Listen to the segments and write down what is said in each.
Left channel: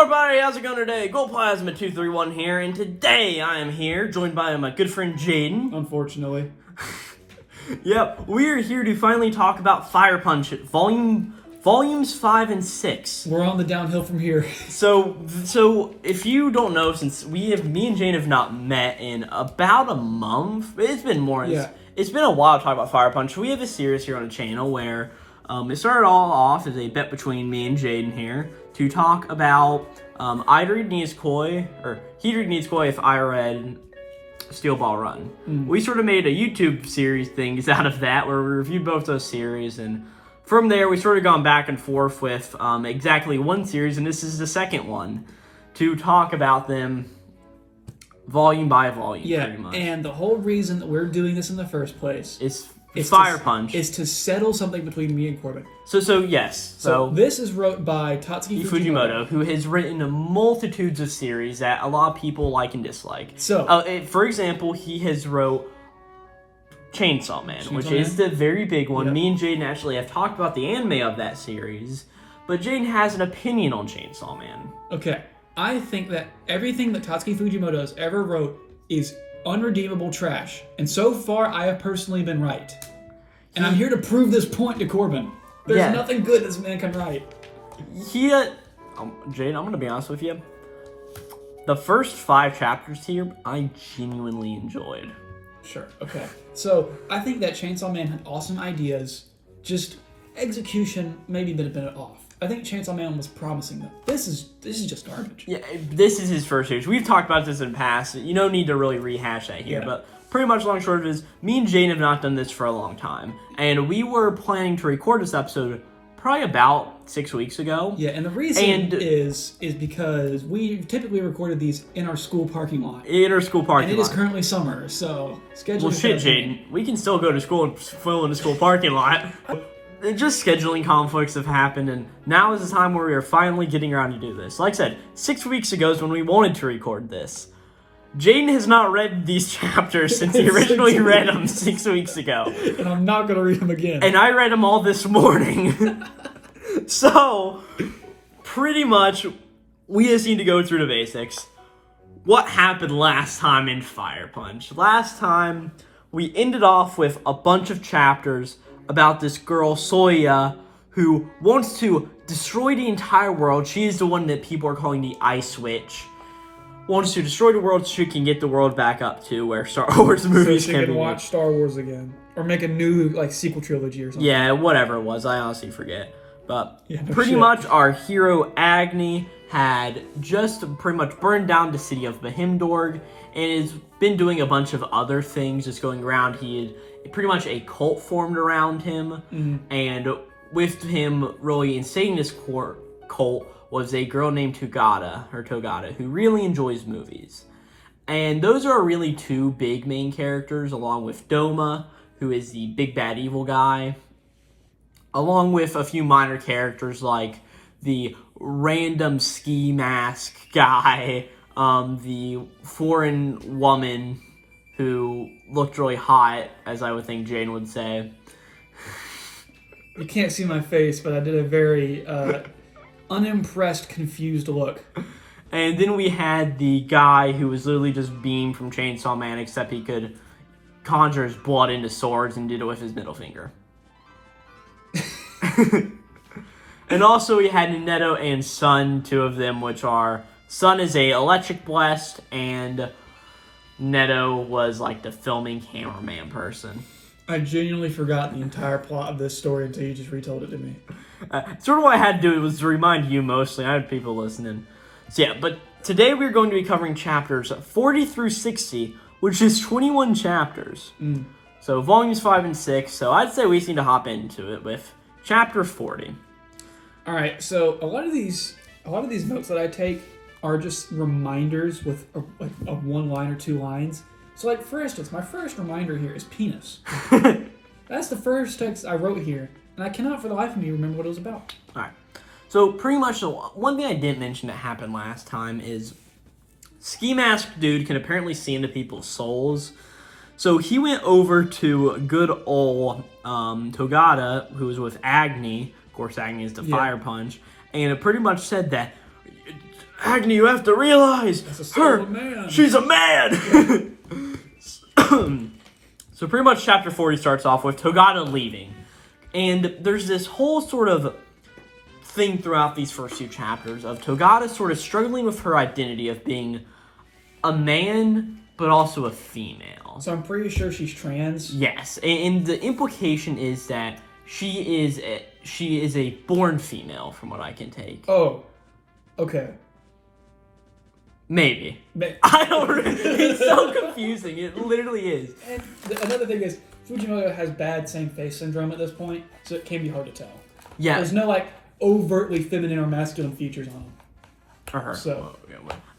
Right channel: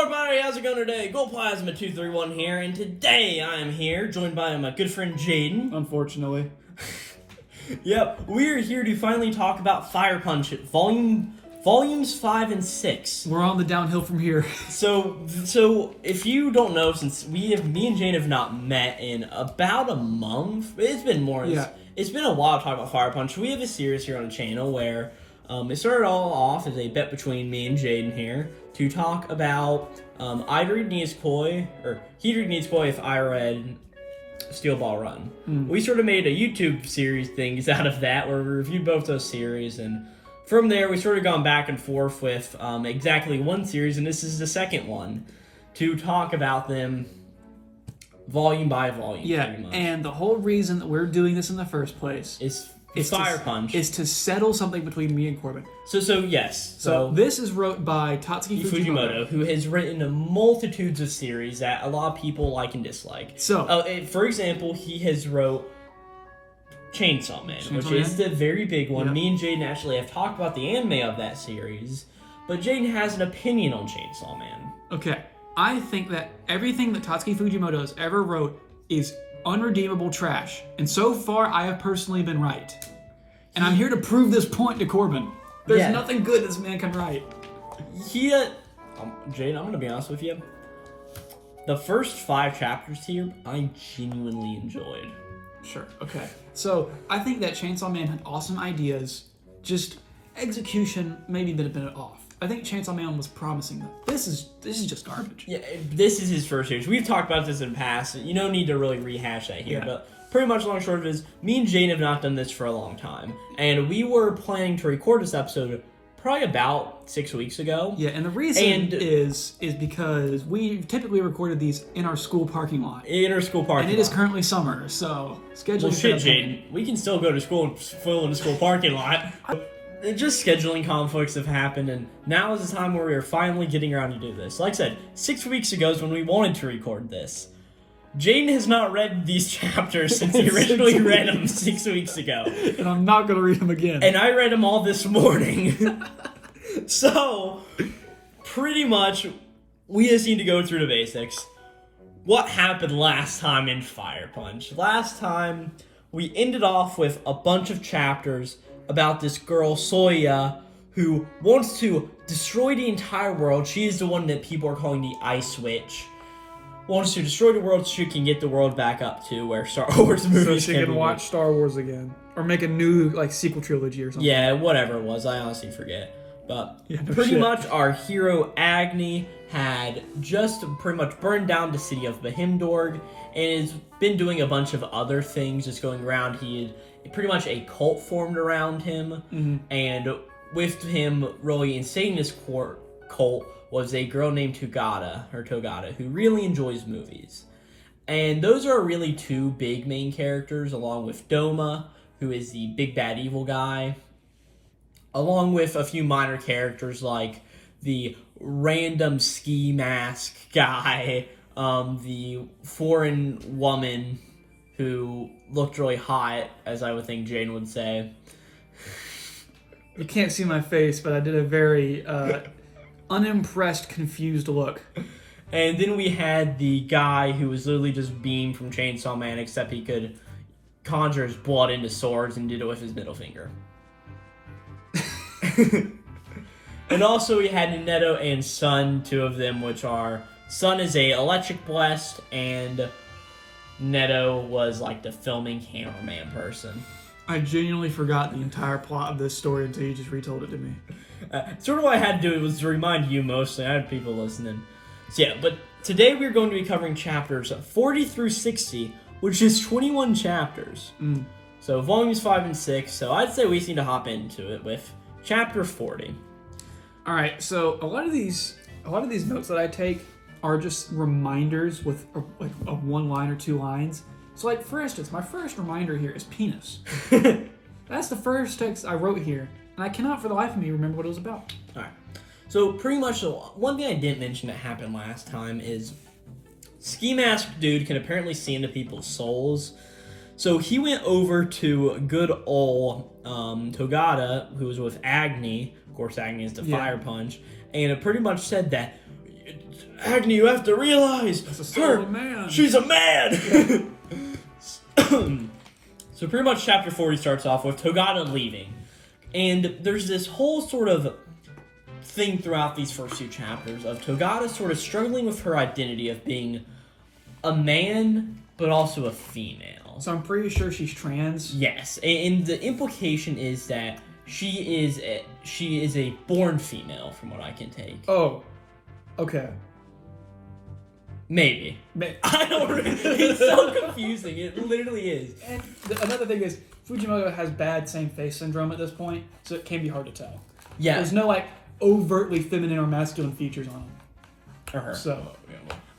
everybody, how's it going today? Glowplasma 231 here, and today I am here, joined by my good friend Jaden. Unfortunately. Yep, we are here to finally talk about Fire Punch Volumes 5 and 6. We're on the downhill from here. So if you don't know, since me and Jane have not met in about a month, it's been more. Yeah. It's been a while to talk about Fire Punch. We have a series here on the channel where it started all off as a bet between me and Jaden here to talk about I'd read Nizukoy, or he'd read Nizukoy if I read Steel Ball Run. We sort of made a YouTube series things out of that where we reviewed both those series, and from there we sort of gone back and forth with exactly one series, and this is the second one, to talk about them volume by volume. Yeah, pretty much. and the whole reason that we're doing this in the first place is Fire Punch. Is to settle something between me and Corbin. So this is wrote by Tatsuki Fujimoto, who has written multitudes of series that a lot of people like and dislike. So, for example, he has wrote Chainsaw Man, which is the very big one. Yep. Me and Jaden actually have talked about the anime of that series, but Jaden has an opinion on Chainsaw Man. Okay, I think that everything that Tatsuki Fujimoto has ever wrote is unredeemable trash, and so far I have personally been right. And I'm here to prove this point to Corbin. There's nothing good this man can write. Jaden, I'm gonna be honest with you. The first 5 chapters here, I genuinely enjoyed. Sure. Okay. So I think that Chainsaw Man had awesome ideas, just execution maybe been a bit off. I think Chainsaw Man was promising though. This is just garbage. Yeah, this is his first series. We've talked about this in the past. You don't need to really rehash that here, but pretty much long and short of it is, me and Jane have not done this for a long time, and we were planning to record this episode probably about 6 weeks ago. Yeah, and the reason is because we typically recorded these in our school parking lot. And it is currently summer, so scheduling. Well, shit, Jaden. We can still go to school and fill in the school parking lot. Just scheduling conflicts have happened, and now is the time where we are finally getting around to do this. Like I said, 6 weeks ago is when we wanted to record this. Jaden has not read these chapters since he originally read them 6 weeks ago. And I'm not going to read them again. And I read them all this morning. So, pretty much, we just need to go through the basics. What happened last time in Fire Punch? Last time, we ended off with a bunch of chapters about this girl, Soya, who wants to destroy the entire world. She is the one that people are calling the Ice Witch. Wants to destroy the world so she can get the world back up to where Star Wars movies so she can watch Star Wars again. Or make a new sequel trilogy or something. Yeah, whatever it was. I honestly forget. But pretty much our hero, Agni, had just pretty much burned down the city of Bahimdorg and has been doing a bunch of other things just going around. He had pretty much a cult formed around him, and with him really insane this cult was a girl named Togata, who really enjoys movies. And those are really 2 big main characters, along with Doma, who is the big bad evil guy, along with a few minor characters like the random ski mask guy, the foreign woman who looked really hot, as I would think Jane would say. You can't see my face, but I did a very unimpressed, confused look. And then we had the guy who was literally just Beam from Chainsaw Man, except he could conjure his blood into swords and did it with his middle finger. And also we had Neto and Sun, 2 of them, which are, Sun is a electric blessed, and Neto was like the filming cameraman person. I genuinely forgot the entire plot of this story until you just retold it to me. Sort of what I had to do was to remind you mostly. I had people listening. So yeah, but today we're going to be covering chapters 40 through 60, which is 21 chapters. So volumes 5 and 6. So I'd say we just need to hop into it with chapter 40. All right. So a lot of these notes that I take are just reminders with a 1 line or 2 lines. So like, for instance, my first reminder here is penis. That's the first text I wrote here, and I cannot for the life of me remember what it was about. All right. So pretty much the one thing I didn't mention that happened last time is Ski Mask Dude can apparently see into people's souls. So he went over to good old Togata, who was with Agni. Of course, Agni is the Fire Punch. And it pretty much said that Agni, you have to realize she's a man. So pretty much chapter 40 starts off with Togata leaving. And there's this whole sort of thing throughout these first two chapters of Togata sort of struggling with her identity of being a man, but also a female. So I'm pretty sure she's trans. Yes, and the implication is that she is a born female, from what I can take. Oh, okay. Maybe. I don't. It's so confusing. It literally is. And another thing is, Fujimoto has bad same face syndrome at this point, so it can be hard to tell. Yeah. There's no like overtly feminine or masculine features on him. Or her. So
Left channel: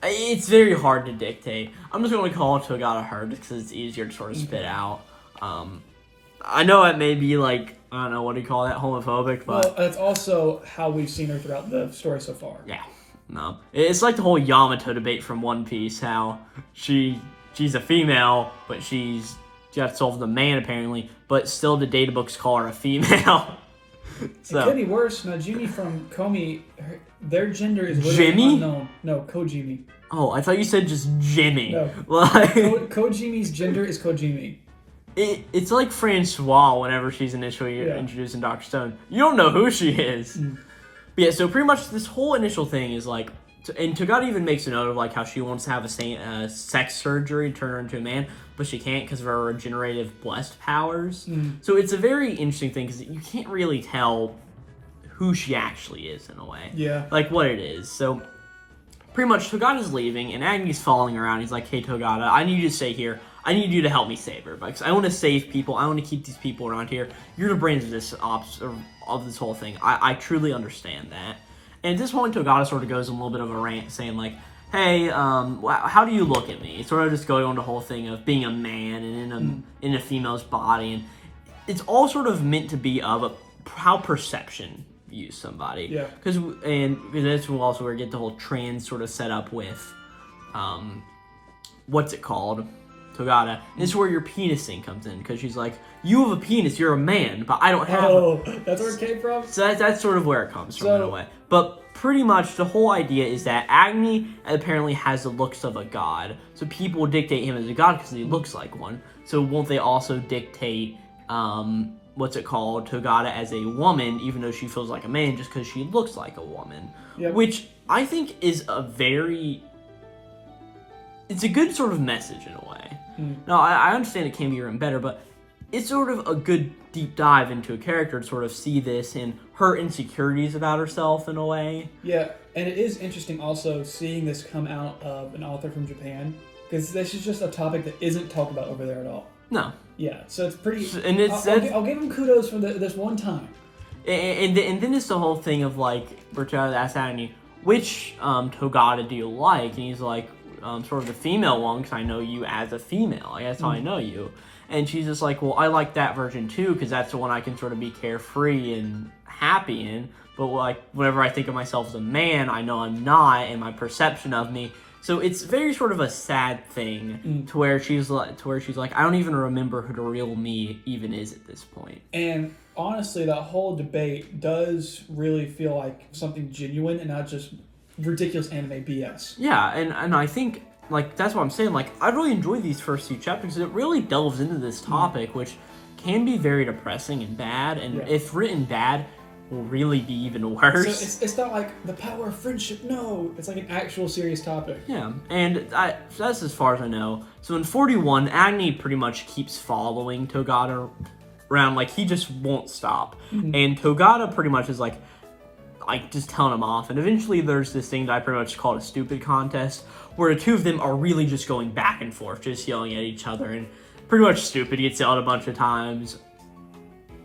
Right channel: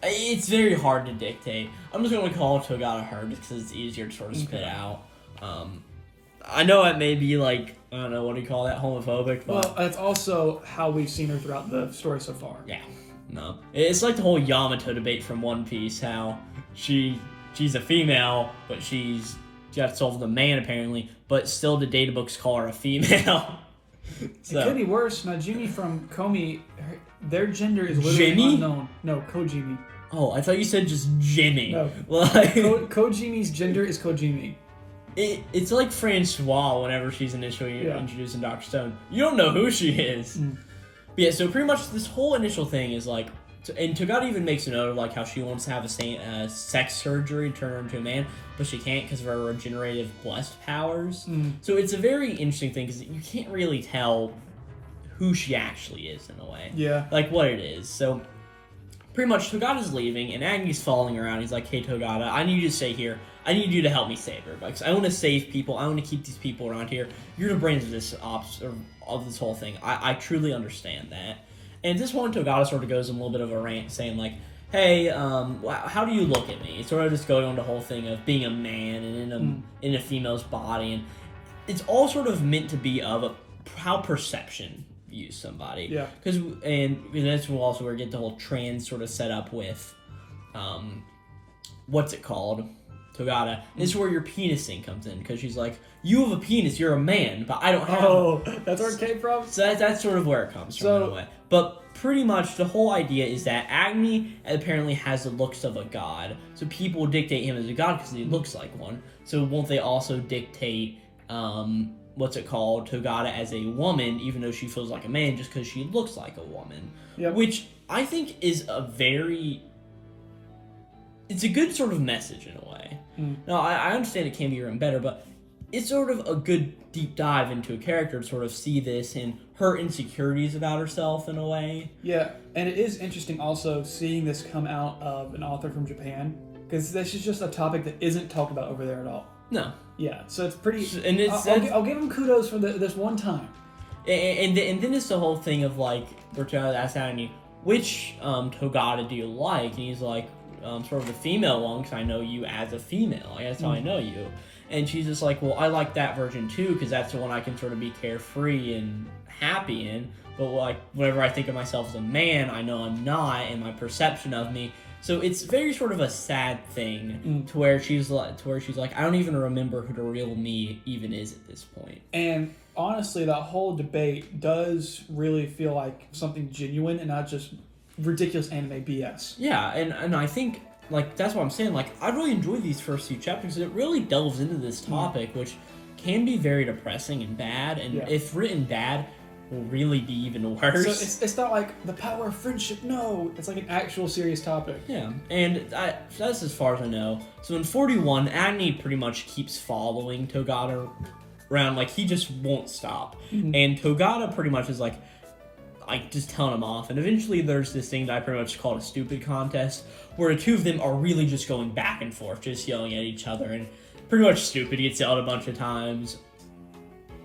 it's very hard to dictate. I'm just going to call Togata her just because it's easier to sort of spit out. I know it may be like, I don't know, what do you call that, homophobic, but... Well, that's also how we've seen her throughout the story so far. Yeah, no. It's like the whole Yamato debate from One Piece, how she's a female, but she's got soul of the man, apparently, but still the data books call her a female. So. It could be worse. Najimi from Komi, their gender is literally unknown. No, Kojimi. Oh, I thought you said just Jimmy. No. Like, Kojimi's gender is Kojimi. It's like Francois whenever she's initially introduced in Dr. Stone. You don't know who she is. But yeah, so pretty much this whole initial thing is like, and Togata even makes a note of like how she wants to have a sex surgery to turn her into a man, but she can't because of her regenerative blessed powers. So it's a very interesting thing because you can't really tell who she actually is in a way. Yeah. Like what it is. So pretty much Togata's leaving and Agni's following around. He's like, hey Togata, I need you to stay here. I need you to help me save her because I want to save people. I want to keep these people around here. You're the brains of this of this whole thing. I truly understand that. And at this point, Togata sort of goes on a little bit of a rant, saying like, "Hey, how do you look at me?" It's sort of just going on the whole thing of being a man and in a female's body, and it's all sort of meant to be of how perception views somebody. Yeah. Because that's also where we get the whole trans sort of set up with, what's it called? Togata. This is where your penis thing comes in, because she's like, you have a penis, you're a man, but I don't have that's where it came from? So that's sort of where it comes from in a way. But pretty much the whole idea is that Agni apparently has the looks of a god, so people dictate him as a god because he looks like one. So won't they also dictate, what's it called, Togata as a woman, even though she feels like a man just because she looks like a woman? Yep. Which I think is it's a good sort of message in a way. Now, I understand it can be even better, but it's sort of a good deep dive into a character to sort of see this and her insecurities about herself in a way. Yeah, and it is interesting also seeing this come out of an author from Japan, because this is just a topic that isn't talked about over there at all. No. Yeah, so it's pretty... And I'll give him kudos for this one time. And then it's the whole thing of like, Bertrand asks Agni, which Togata do you like? And he's like, sort of the female one, because I know you as a female. Like, that's how I know you. And she's just like, well, I like that version too, because that's the one I can sort of be carefree and happy in. But like, whenever I think of myself as a man, I know I'm not, and my perception of me. So it's very sort of a sad thing to where she's like, I don't even remember who the real me even is at this point. And honestly, that whole debate does really feel like something genuine and not just ridiculous anime BS. Yeah, and I think, like, that's what I'm saying. Like, I really enjoyed these first few chapters because it really delves into this topic, which can be very depressing and bad, and if written bad, will really be even worse. So it's not like the power of friendship, no. It's like an actual serious topic. Yeah, and that's as far as I know. So in 41, Agni pretty much keeps following Togata around, like, he just won't stop. And Togata pretty much is like just telling him off, and eventually there's this thing that I pretty much call a stupid contest, where the two of them are really just going back and forth, just yelling at each other, and pretty much stupid gets yelled a bunch of times.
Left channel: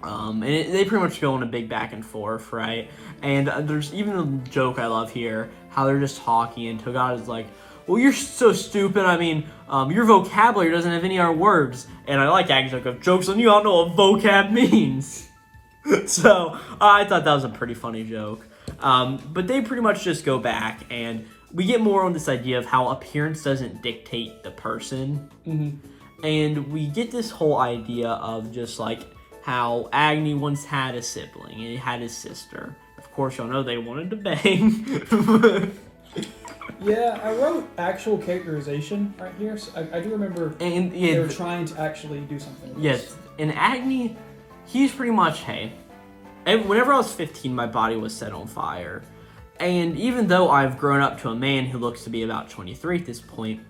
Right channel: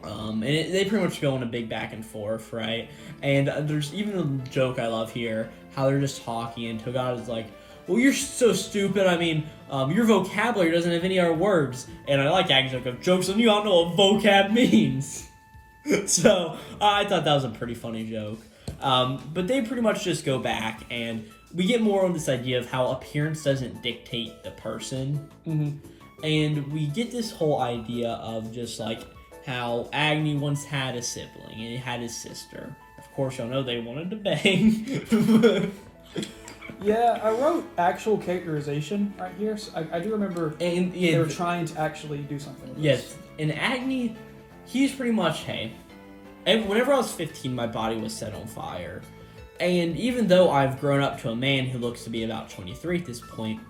And they pretty much go in a big back and forth, right? And there's even a joke I love here, how they're just talking, and Togata's like, well, you're so stupid, I mean, your vocabulary doesn't have any other words. And I like Agni's like, jokes on you, I don't know what vocab means. So, I thought that was a pretty funny joke. But they pretty much just go back, and we get more on this idea of how appearance doesn't dictate the person. And we get this whole idea of just like how Agni once had a sibling, and he had his sister. Of course, y'all know they wanted to bang. Yeah, I wrote actual characterization right here. So I do remember And they were trying to actually do something with yes, this. and Agni, he's pretty much, hey, and whenever I was 15, my body was set on fire. And even though I've grown up to a man who looks to be about 23 at this point,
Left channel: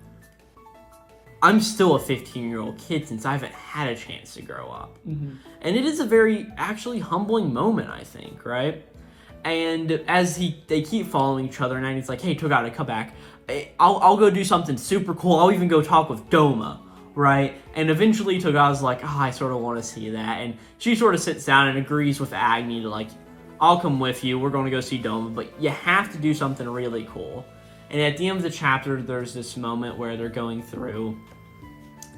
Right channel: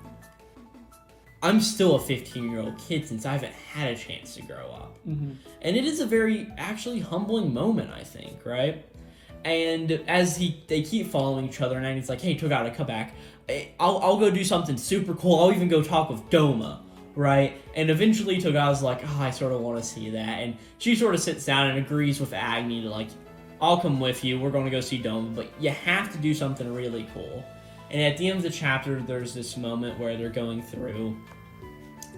I'm still a 15-year-old kid since I haven't had a chance to grow up. Mm-hmm. And it is a very, actually, humbling moment, I think, right? And as they keep following each other, and Agni's like, hey, Togata, come back. I'll go do something super cool. I'll even go talk with Doma, right? And eventually Togata's like, oh, I sort of want to see that. And she sort of sits down and agrees with Agni to, like, I'll come with you. We're going to go see Doma, but you have to do something really cool. And at the end of the chapter, there's this moment where they're going through,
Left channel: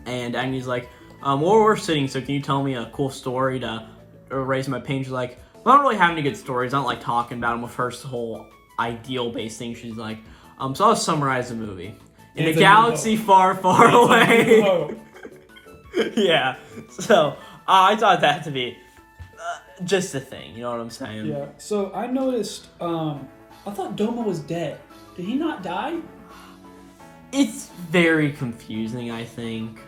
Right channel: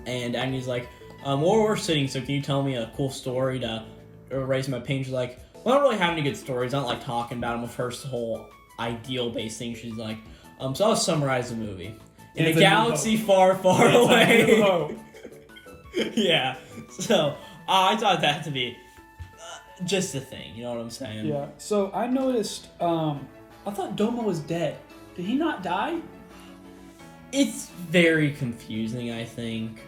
and Agni's like, well, we're sitting, so can you tell me a cool story to raise my pain? She's like, well, I don't really have any good stories. I don't like talking about them with her whole ideal-based thing. She's like, so I'll summarize the movie. In a galaxy far, far away. Yeah. So, I thought that to be just a thing. You know what I'm saying? Yeah. So, I noticed, I thought Doma was dead. Did he not die? It's very confusing, I think.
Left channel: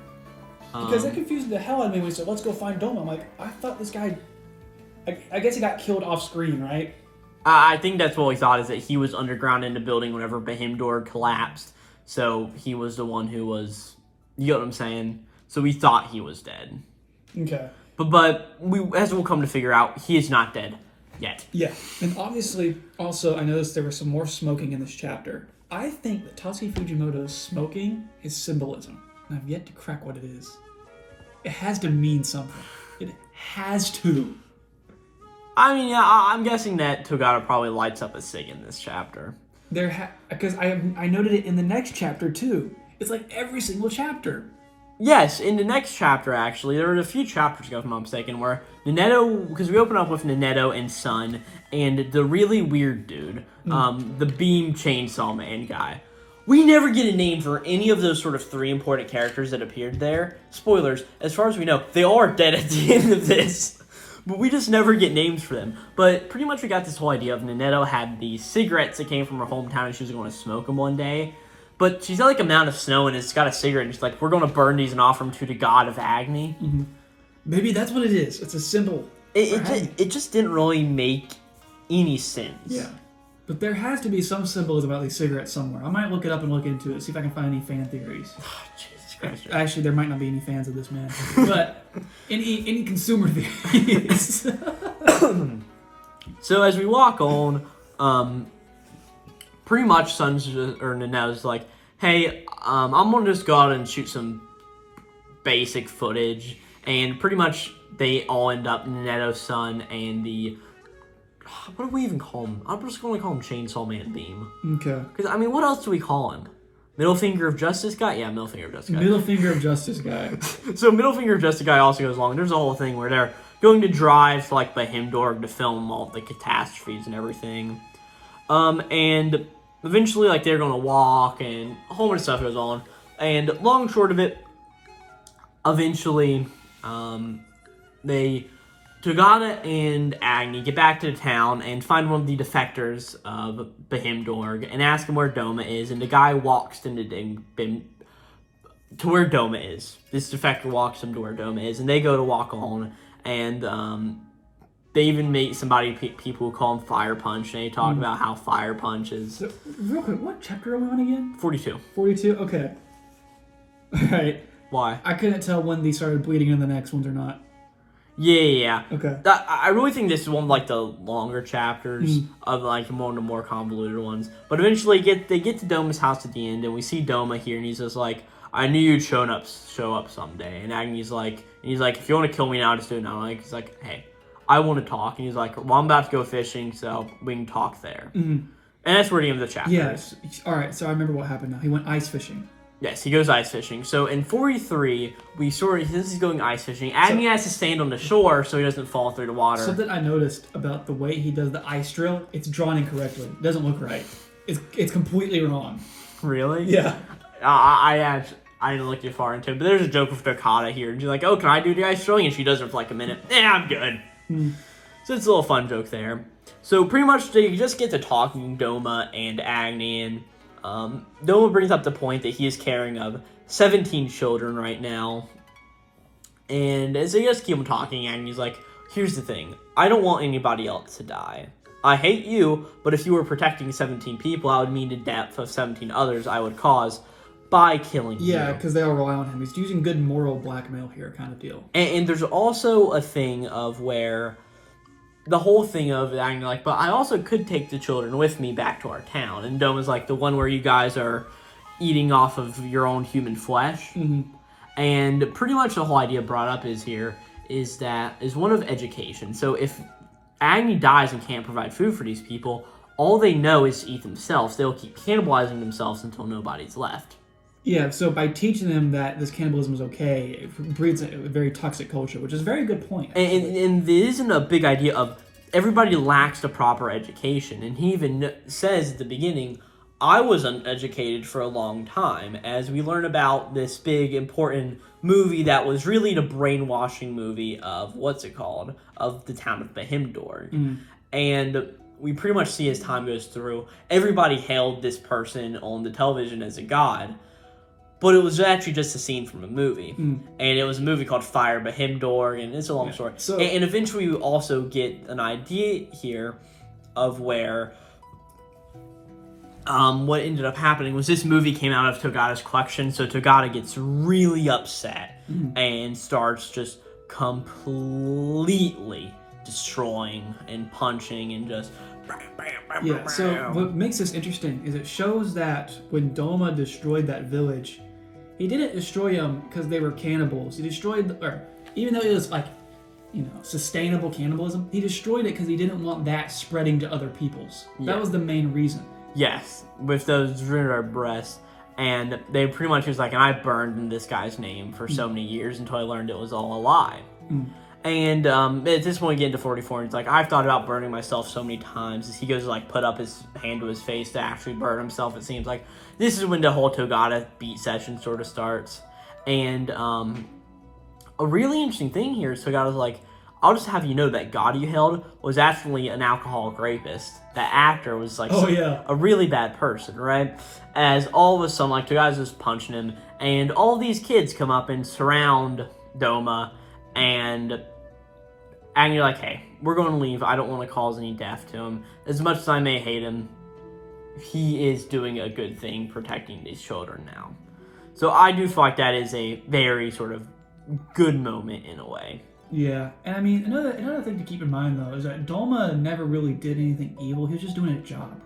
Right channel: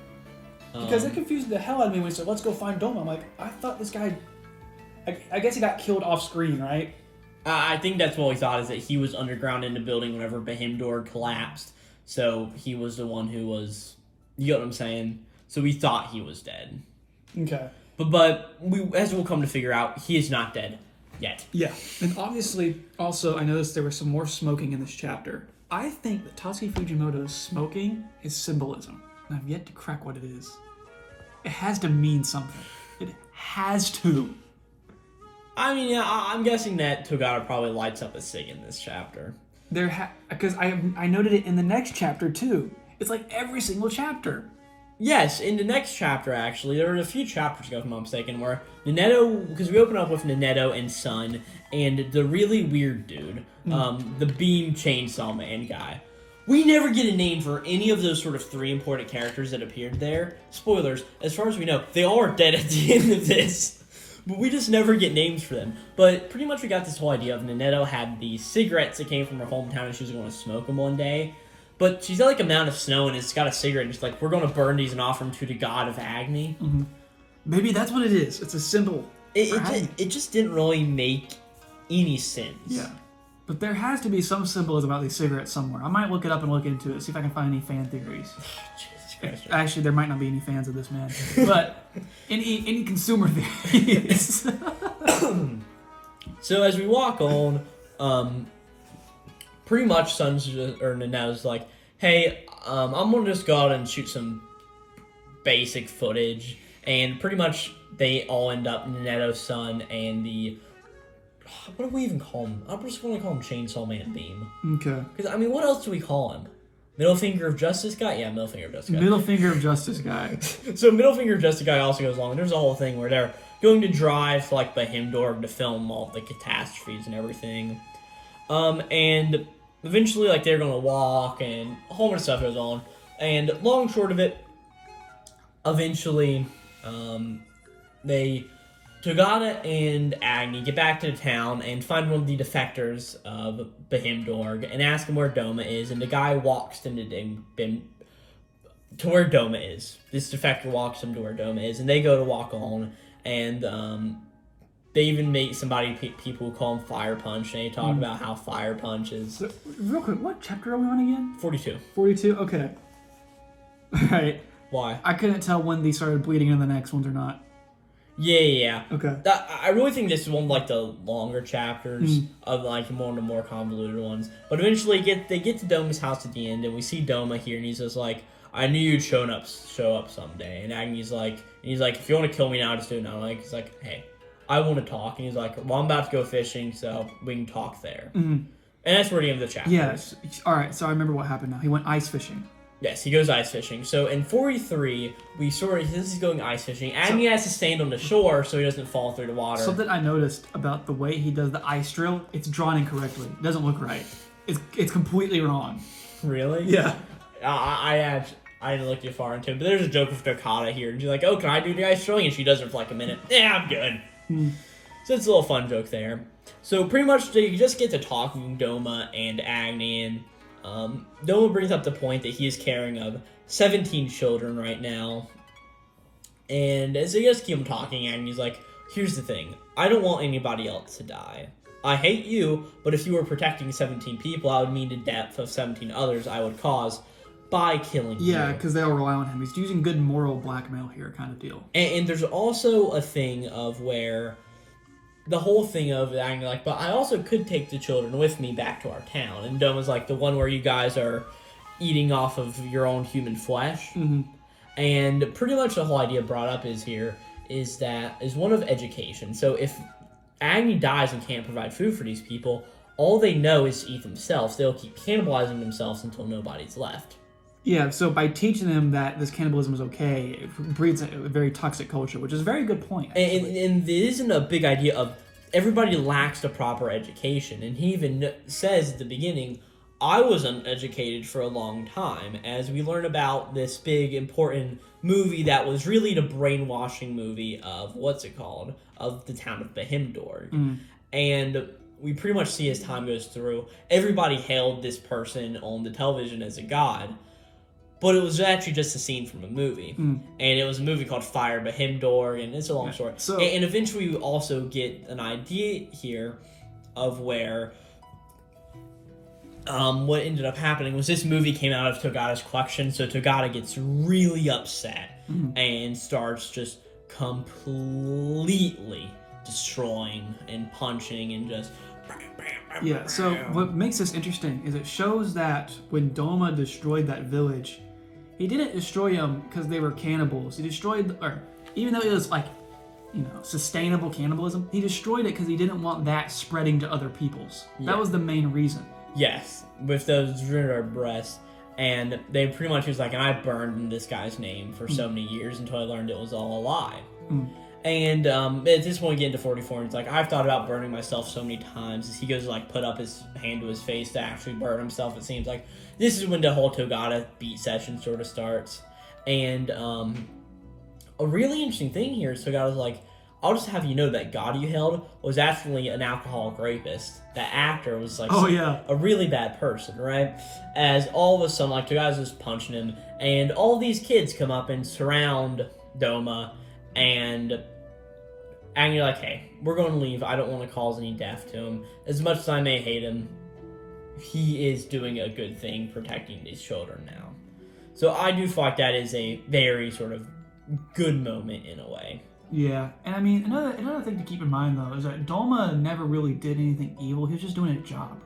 Because it confused the hell out of me when he said, let's go find Doma. I'm like, I thought this guy... I guess he got killed off screen, right? I think that's what we thought, is that he was underground in the building whenever Bahimdor collapsed. So he was the one who was... You get what I'm saying? So we thought he was dead. Okay. But as we'll come to figure out, he is not dead yet. Yeah. And obviously, also, I noticed there was some more smoking in this chapter. I think that Tatsuki Fujimoto's smoking is symbolism. And I've yet to crack what it is. It has to mean something. It has to. I mean, yeah, I'm guessing that Togata probably lights up a cig in this chapter. Because I noted it in the next chapter, too. It's like every single chapter. Yes, in the next chapter, actually, there were a few chapters ago, if I'm not mistaken, where Nanetto, because we open up with Nanetto and Sun, and the really weird dude, the Beam Chainsaw Man guy. We never get a name for any of those sort of three important characters that appeared there. Spoilers, as far as we know, they all are dead at the end of this. But we just never get names for them. But pretty much we got this whole idea of Nanetto had these cigarettes that came from her hometown, and she was going to smoke them one day. But she's got like a mound of snow, and it's got a cigarette, and she's like, we're going to burn these and offer them to the god of Agni. Mm-hmm. Maybe that's what it is. It's a symbol. It just didn't really make any sense. Yeah. But there has to be some symbolism about these cigarettes somewhere. I might look it up and look into it, see if I can find any fan theories. Oh, Jesus Christ. Actually, there might not be any fans of this man. But any consumer theories. So as we walk on, pretty much Nanetto's like, hey, I'm going to just go out and shoot some basic footage. And pretty much they all end up, Nanetto, Sun, and the... What do we even call him? I'm just going to call him Chainsaw Man Beam. Okay. Because, I mean, what else do we call him? Middle Finger of Justice Guy? Yeah, Middle Finger of Justice Guy. Middle Finger of Justice Guy. So Middle Finger of Justice Guy also goes along. There's a whole thing where they're going to drive to, like, Bahimdor to film all the catastrophes and everything. And eventually, like, they're going to walk and a whole bunch of stuff goes on. And long and short of it, eventually, Togata and Agni get back to the town and find one of the defectors of Bahimdor and ask him where Doma is, and the guy walks them to where Doma is. This defector walks them to where Doma is, and they go to walk on, and they even meet people who call him Fire Punch, and they talk about how Fire Punch is... So, real quick, what chapter are we on again? 42. 42? Okay. Alright. Why? I couldn't tell when they started bleeding into the next ones or not. Yeah. Okay. I really think this is one of, like, the longer chapters of, like, one of the more convoluted ones. But eventually they get to Doma's house at the end, and we see Doma here, and he's just like, I knew you'd show up someday. And Agni's like, if you want to kill me now, just do it now. Like, he's like, hey, I want to talk. And he's like, well, I'm about to go fishing, so we can talk there. Mm-hmm. And that's where the end of the chapter is. Alright, so I remember what happened now. He went ice fishing. Yes, he goes ice fishing. So in 43, since he's going ice fishing, Agni has to stand on the shore so he doesn't fall through the water. Something I noticed about the way he does the ice drill, it's drawn incorrectly. It doesn't look right. It's completely wrong. Really? Yeah. I didn't look too far into it, but there's a joke with Togata here. And she's like, oh, can I do the ice drilling? And she does it for like a minute. Yeah, I'm good. So it's a little fun joke there. So pretty much they just get to talking, Doma and Agni, and Doma brings up the point that he is caring of 17 children right now. And as they just keep on talking, and he's like, here's the thing. I don't want anybody else to die. I hate you, but if you were protecting 17 people, I would mean the death of 17 others I would cause by killing you. Yeah, because they all rely on him. He's using good moral blackmail here kind of deal. And there's also a thing of where the whole thing of acting like, but I also could take the children with me back to our town. And Doma's like, the one where you guys are eating off of your own human flesh. Mm-hmm. And pretty much the whole idea brought up is one of education. So if Agni dies and can't provide food for these people, all they know is to eat themselves. They'll keep cannibalizing themselves until nobody's left. Yeah, so by teaching them that this cannibalism is okay, it breeds a very toxic culture, which is a very good point. And there isn't a big idea of everybody lacks the proper education. And he even says at the beginning, I was uneducated for a long time, as we learn about this big, important movie that was really the brainwashing movie of, of the town of Bahimdorg. Mm. And we pretty much see as time goes through, everybody hailed this person on the television as a god, but it was actually just a scene from a movie. Mm. And it was a movie called Fire Bahimdorg, and it's a long story. And eventually we also get an idea here of where what ended up happening was this movie came out of Togata's collection, so Togata gets really upset and starts just completely destroying and punching and just... Yeah, so what makes this interesting is it shows that when Doma destroyed that village, he didn't destroy them because they were cannibals. He destroyed, even though it was sustainable cannibalism, he destroyed it because he didn't want that spreading to other peoples. Yeah. That was the main reason. Yes, with those ruined breasts, and they pretty much was like, and I burned this guy's name for so many years until I learned it was all a lie. Mm. And at this point, we get into 44, and it's like, I've thought about burning myself so many times. As he goes to put up his hand to his face to actually burn himself, it seems like this is when the whole Togata beat session sort of starts. And a really interesting thing here is Togata's like, I'll just have you know that God you held was actually an alcoholic rapist. That actor was a really bad person, right? As all of a sudden, Togata's just punching him, and all these kids come up and surround Doma, and you're like, hey, we're going to leave. I don't want to cause any death to him. As much as I may hate him, he is doing a good thing protecting these children now. So I do feel like that is a very sort of good moment in a way. Yeah, and I mean, another thing to keep in mind, though, is that Doma never really did anything evil. He was just doing a job.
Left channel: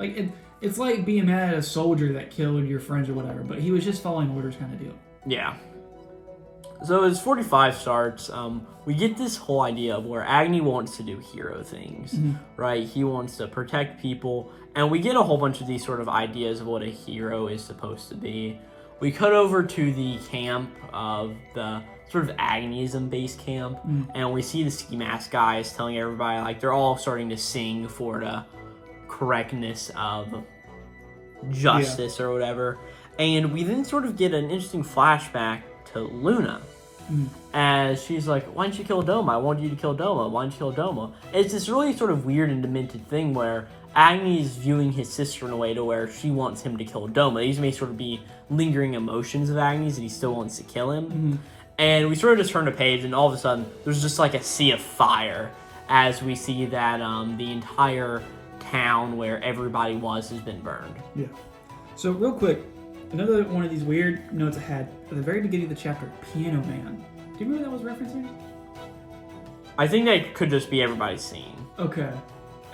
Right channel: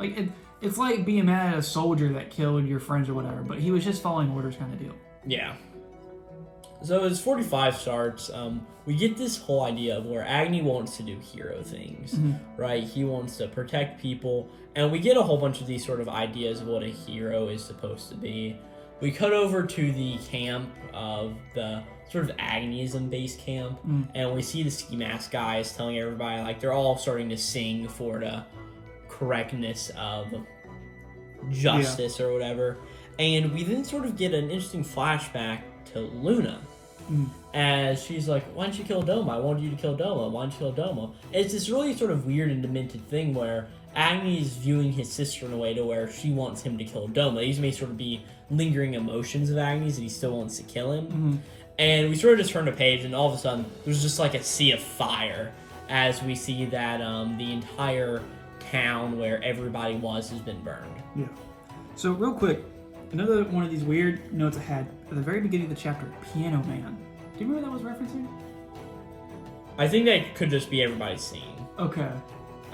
It's like being mad at a soldier that killed your friends or whatever, but he was just following orders kind of deal. Yeah. So as 45 starts, we get this whole idea of where Agni wants to do hero things, right? He wants to protect people, and we get a whole bunch of these sort of ideas of what a hero is supposed to be. We cut over to the camp of the sort of Agnism base camp, and we see the ski mask guys telling everybody, they're all starting to sing for the correctness of justice or whatever. And we then sort of get an interesting flashback to Luna, as she's like, why didn't you kill Doma? I wanted you to kill Doma. Why didn't you kill Doma? And it's this really sort of weird and demented thing where Agni is viewing his sister in a way to where she wants him to kill Doma. These may sort of be lingering emotions of Agni's that he still wants to kill him. And we sort of just turn the page, and all of a sudden, there's just a sea of fire as we see that the entire town where everybody was has been burned. Yeah. So real quick, another one of these weird notes I had at the very beginning of the chapter, Piano Man. Do you remember what that was referencing? I think that could just be everybody's scene. Okay.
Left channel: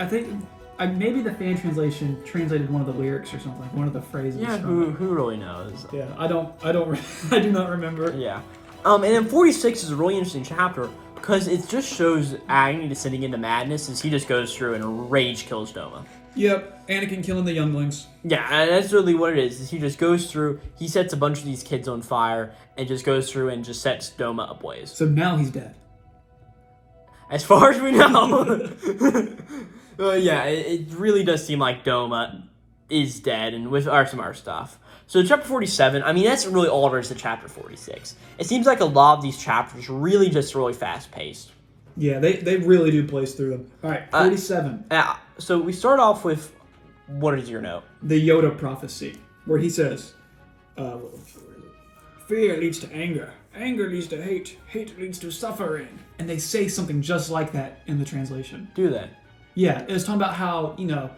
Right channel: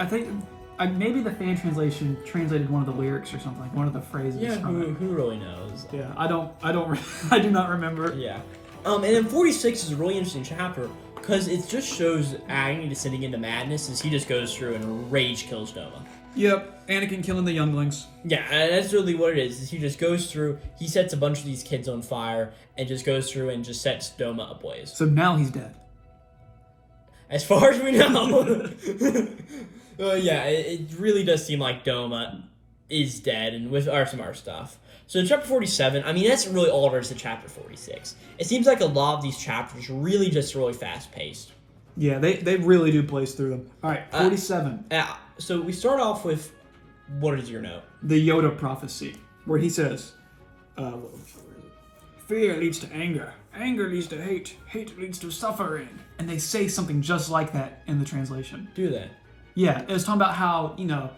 I think maybe the fan translation translated one of the lyrics or something, one of the phrases. Yeah, who really knows? Yeah, I do not remember. Yeah. And then 46 is a really interesting chapter because it just shows Agni descending into madness as he just goes through and rage kills Doma. Yep, Anakin killing the younglings. Yeah, and that's really what it is he just goes through, he sets a bunch of these kids on fire, and just goes through and just sets Doma ablaze. So now he's dead. As far as we know. Yeah, it really does seem like Doma is dead, and with some other stuff. So chapter 47, I mean, that's really all there is to chapter 46. It seems like a lot of these chapters are really just really fast-paced. Yeah, they really do blaze through them. All right, 47. So we start off with what is your note? The Yoda prophecy, where he says, fear leads to anger. Anger leads to hate. Hate leads to suffering. And they say something just like that in the translation. Do that. Yeah, it was talking about how, you know,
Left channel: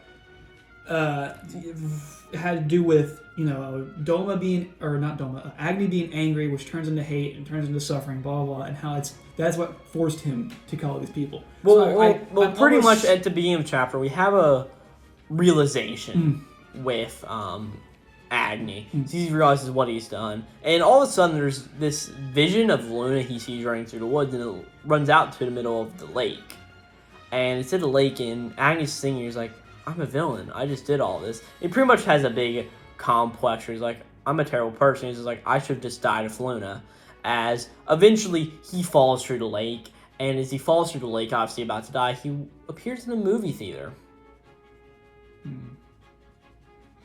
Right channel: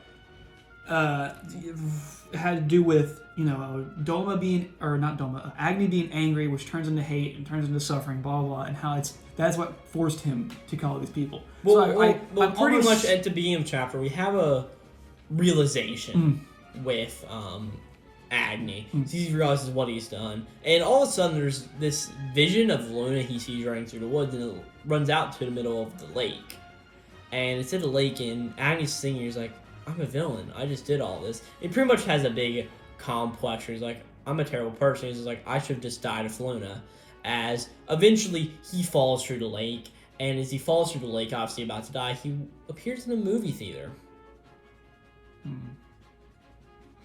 it had to do with, you know, Agni being angry, which turns into hate and turns into suffering, blah, blah, blah, and how that's what forced him to kill these people. Well, pretty much at the beginning of the chapter, we have a realization with Agni. He realizes what he's done, and all of a sudden there's this vision of Luna he sees running through the woods, and it runs out to the middle of the lake. And it's at the lake, and Agni's singing. He's like, I'm a villain. I just did all this. He pretty much has a big complex where he's like, I'm a terrible person. He's just like, I should have just died of Luna. As eventually he falls through the lake, and as he falls through the lake, obviously about to die, he appears in a movie theater.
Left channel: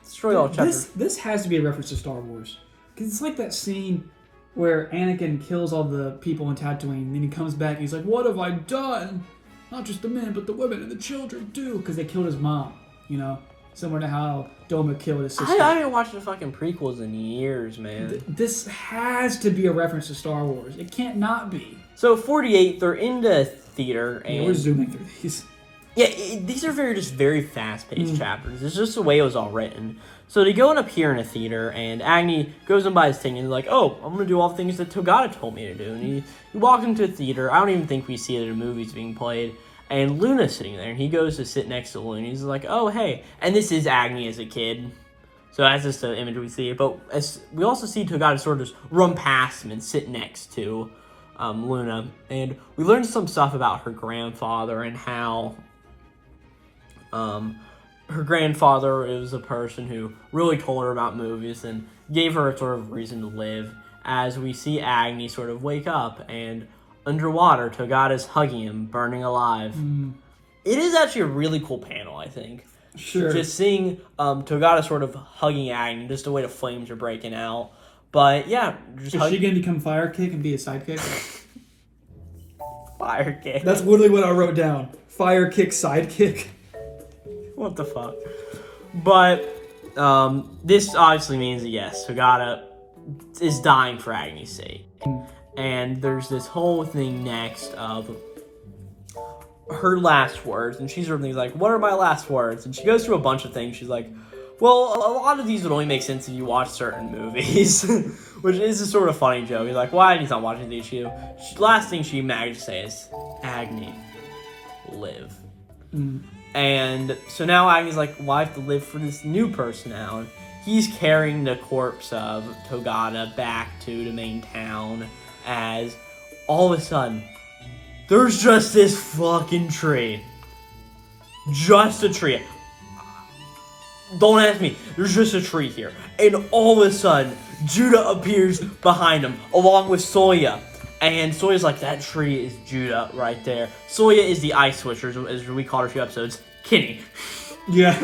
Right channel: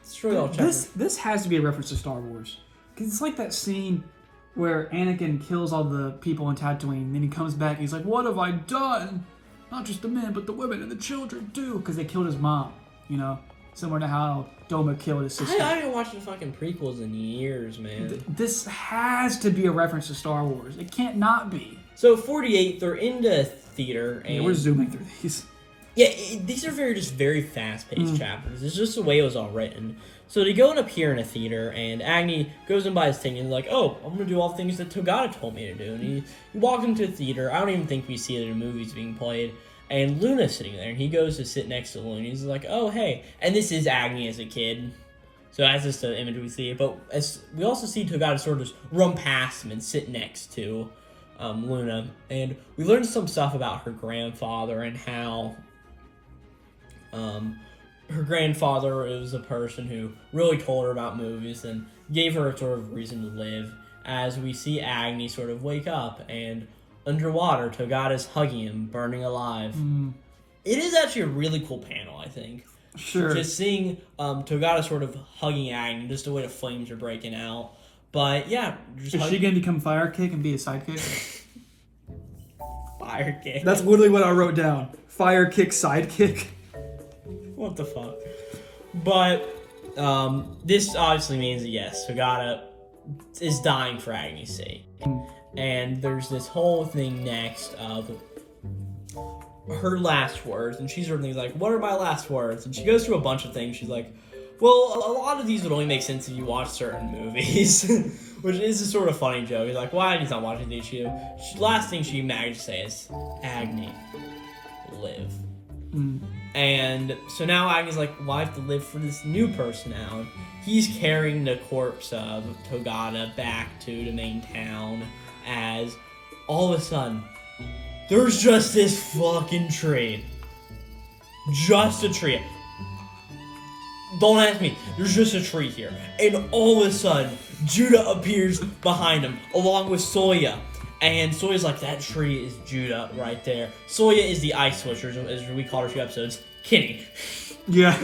Destroy all chapters. This has to be a reference to Star Wars. Because it's like that scene where Anakin kills all the people in Tatooine, and then he comes back and he's like, what have I done? Not just the men, but the women and the children too, because they killed his mom, you know? Similar to how Doma killed his sister. I haven't watched the fucking prequels in years, man. This has to be a reference to Star Wars. It can't not be. So, 48, they're into theater. And yeah, we're zooming through these. Yeah, these are very fast-paced chapters. It's just the way it was all written. So they go up here in a theater, and Agni goes and buys his thing, and he's like, oh, I'm going to do all the things that Togata told me to do. And he walks into a theater. I don't even think we see it in the movies being played. And Luna's sitting there, and he goes to sit next to Luna. He's like, oh, hey. And this is Agni as a kid. So that's just the image we see. But we also see Togata sort of just run past him and sit next to Luna. And we learned some stuff about her grandfather and how her grandfather is a person who really told her about movies and gave her a sort of reason to live. As we see Agni sort of wake up, and underwater, Togata's hugging him, burning alive. It is actually a really cool panel, I think. Sure. Just seeing Togata sort of hugging Agni, just the way the flames are breaking out. But yeah. Is she going to become Fire Kick and be a sidekick? Fire Kick. That's literally what I wrote down. Fire Kick sidekick. What the fuck? But this obviously means that yes, Togata is dying for Agni's sake. And there's this whole thing next of her last words, and she's sort of like, what are my last words? And she goes through a bunch of things. She's like, well, a lot of these would only make sense if you watch certain movies, which is a sort of funny joke. He's like, why? He's not watching these. Last thing she managed to say is, Agni, live. And so now Agni's like, well, I have to live for this new person now. And he's carrying the corpse of Togata back to the main town, as all of a sudden, there's just this fucking tree. Just a tree. Don't ask me. There's just a tree here. And all of a sudden, Judah appears behind him, along with Soya. And Soya's like, that tree is Judah right there. Soya is the Ice Switcher, as we called her a few episodes. Kenny. Yeah,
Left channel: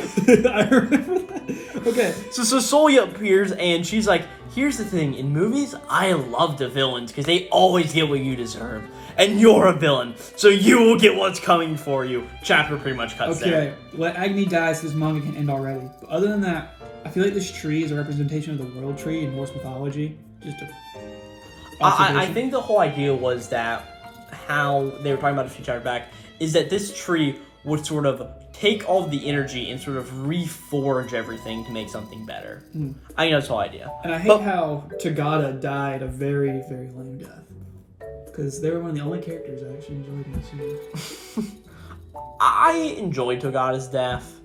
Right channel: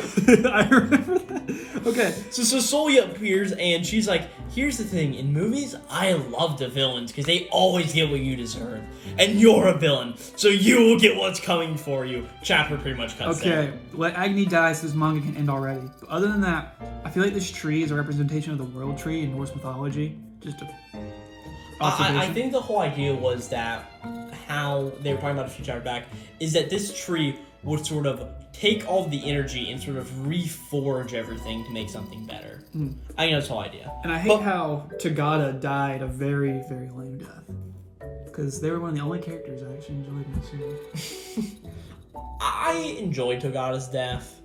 I remember that. Okay. So Soya appears, and she's like, here's the thing. In movies, I love the villains, because they always get what you deserve. And you're a villain, so you will get what's coming for you. Chapter pretty much cuts there. Okay, let Agni die so this manga can end already. But other than that, I feel like this tree is a representation of the world tree in Norse mythology. Just a I think the whole idea was that how they were talking about a few chapters back is that this tree would sort of take all of the energy and sort of reforge everything to make something better. I think that's the whole idea. And I hate how Togata died a very, very lame death. Because they were one of the only characters I actually enjoyed in the series. I enjoyed Togata's death.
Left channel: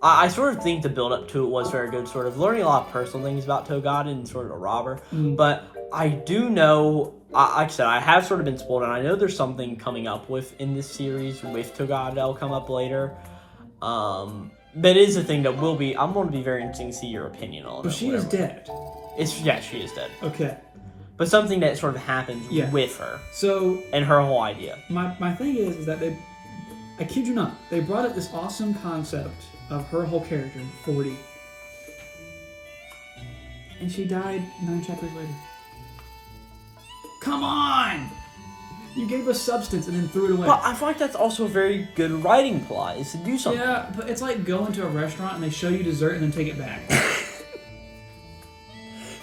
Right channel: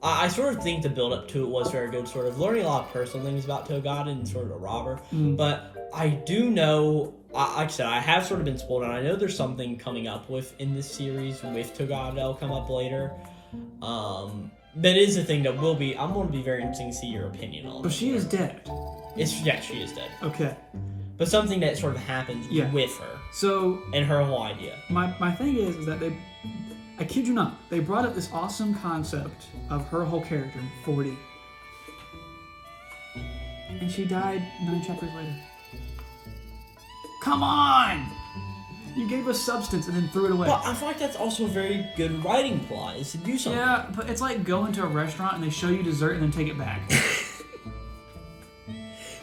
I sort of think the build-up to it was very good, sort of learning a lot of personal things about Togata and sort of a robber. But I do know, like I said, I have sort of been spoiled, and I know there's something coming up in this series with Togata that'll come up later. That is a thing that I'm going to be very interesting to see your opinion on. But she is dead. Yeah, she is dead. Okay. But something that sort of happens with her. So. And her whole idea. My thing is that I kid you not, they brought up this awesome concept of her whole character in 40. And she died 9 chapters later. Come on! You gave us substance and then threw it away. But I feel like that's also a very good writing plot, is to do something. Yeah, but it's like going to a restaurant and they show you dessert and then take it back.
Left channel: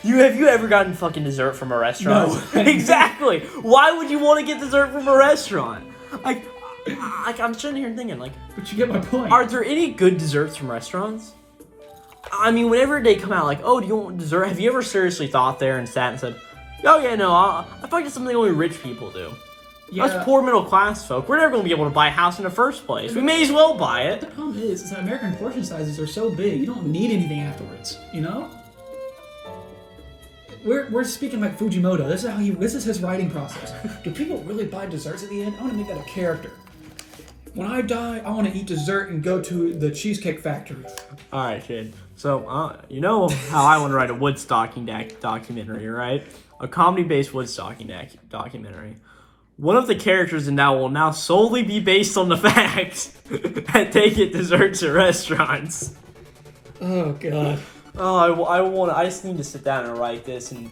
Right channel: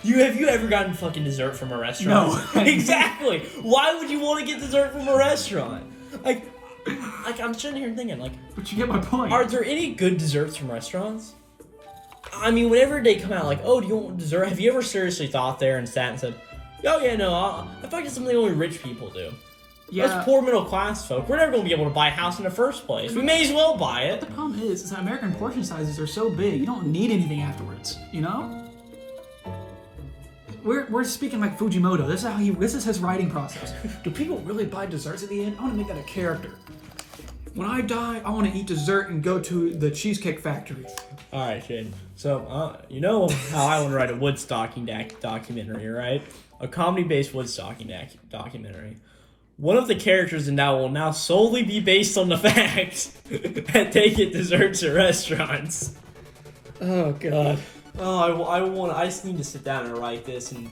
Have you ever gotten fucking dessert from a restaurant? No. Exactly. Why would you want to get dessert from a restaurant? Like I'm sitting here thinking, like... But you get my point. Are there any good desserts from restaurants? I mean, whenever they come out, like, oh, do you want dessert? Have you ever seriously thought there and sat and said, oh, yeah, no, I feel like it's something only rich people do. Yeah. Us poor middle class folk, we're never going to be able to buy a house in the first place. We may as well buy it. The problem is that American portion sizes are so big, you don't need anything afterwards, you know? We're speaking like Fujimoto. This is his writing process. Do people really buy desserts at the end? I want to make that a character. When I die, I want to eat dessert and go to the Cheesecake Factory. All right, Shane. So, you know how I want to write a woodstocking documentary, right? A comedy-based woodstocking documentary. One of the characters in that will now solely be based on the fact that they get desserts at restaurants. Oh, God. Oh, I just need to sit down and write this, and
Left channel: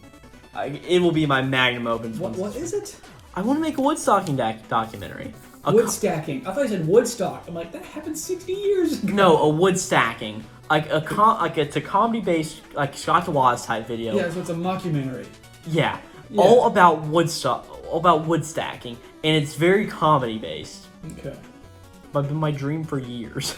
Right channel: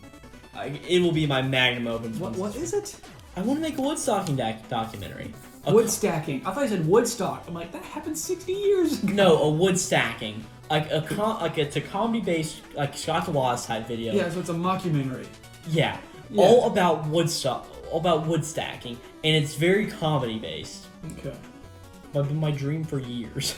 it will be my magnum opus. What is it? I want to make a woodstocking documentary. Wood stacking. I thought you said Woodstock. I'm like, that happened 60 years ago. No, a wood stacking. It's a comedy-based, like, Scott Wallace type video. Yeah, so it's a mockumentary. Yeah. All about wood stacking, and it's very comedy-based. Okay. It's been my dream for years.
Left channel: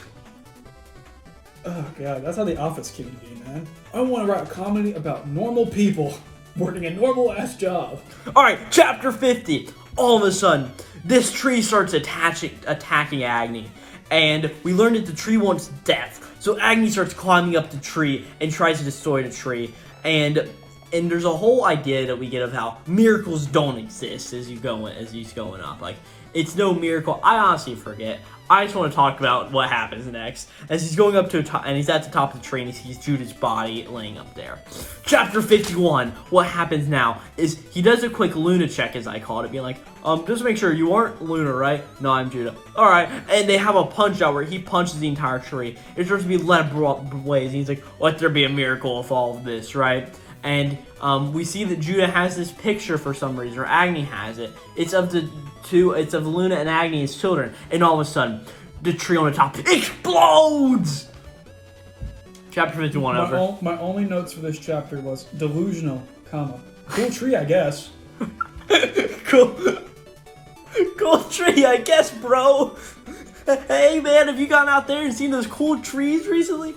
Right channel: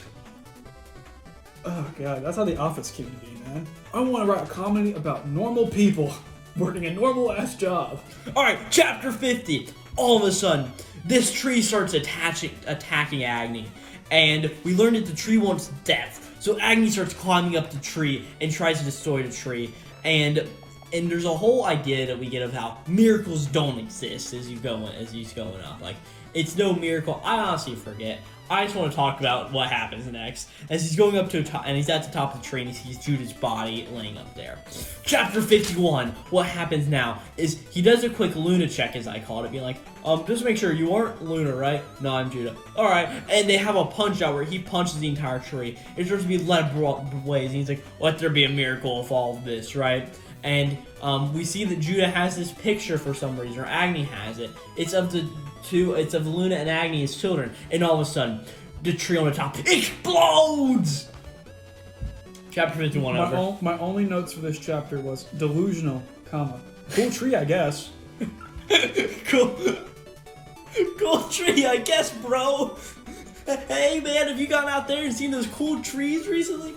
Oh, God, that's how The Office came to be, man. I want to write a comedy about normal people working a normal-ass job. All right, chapter 50. All of a sudden, this tree starts attacking Agni, and we learn that the tree wants death. So Agni starts climbing up the tree and tries to destroy the tree, and there's a whole idea that we get of how miracles don't exist as he's going up. Like, it's no miracle. I honestly forget. I just want to talk about what happens next. As he's going up to and he's at the top of the tree and he sees Judah's body laying up there. Chapter 51. What happens now is he does a quick Luna check, as I called it, being like, just make sure you aren't Luna, right? No, I'm Judah. All right. And they have a punch out where he punches the entire tree. It starts to be led ablaze. And he's like, let there be a miracle of all of this, right? And we see that Judah has this picture for some reason, or Agni has it. It's of Luna and Agni as children, and all of a sudden, the tree on the top explodes! Chapter 51 over. My only notes for this chapter was delusional, comma. Cool tree, I guess. Cool tree, I guess, bro. Hey, man, have you gone out there and seen those cool trees recently?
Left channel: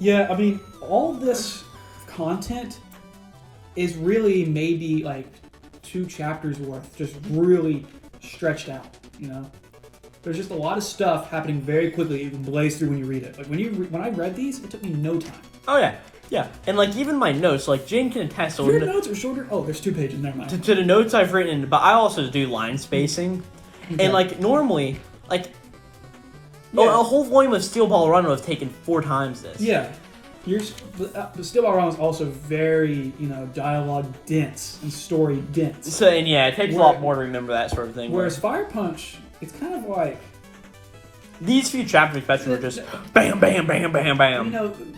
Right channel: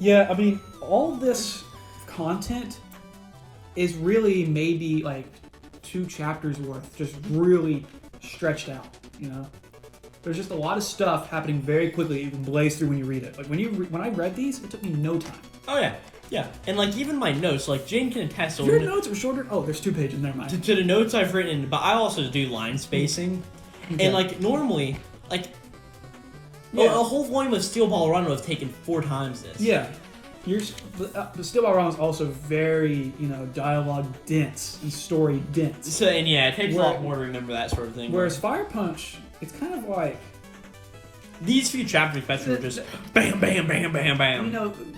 Yeah, I mean, all this content is really maybe like 2 chapters worth, just really stretched out, you know? There's just a lot of stuff happening very quickly. You can blaze through when you read it. Like when I read these, it took me no time. Oh yeah, and like even my notes, like Jane can attest. Your notes are shorter. Oh, there's 2 pages. Never mind. To the notes I've written, but I also do line spacing, okay. And like normally, like a whole volume of Steel Ball Run would have taken 4 times this. Yeah. The Steel Ball Run is also very, dialogue dense and story dense. So, and yeah, it takes a lot more to remember that sort of thing. Whereas Fire Punch, it's kind of like... These few chapters especially were just bam, bam, bam, bam, bam.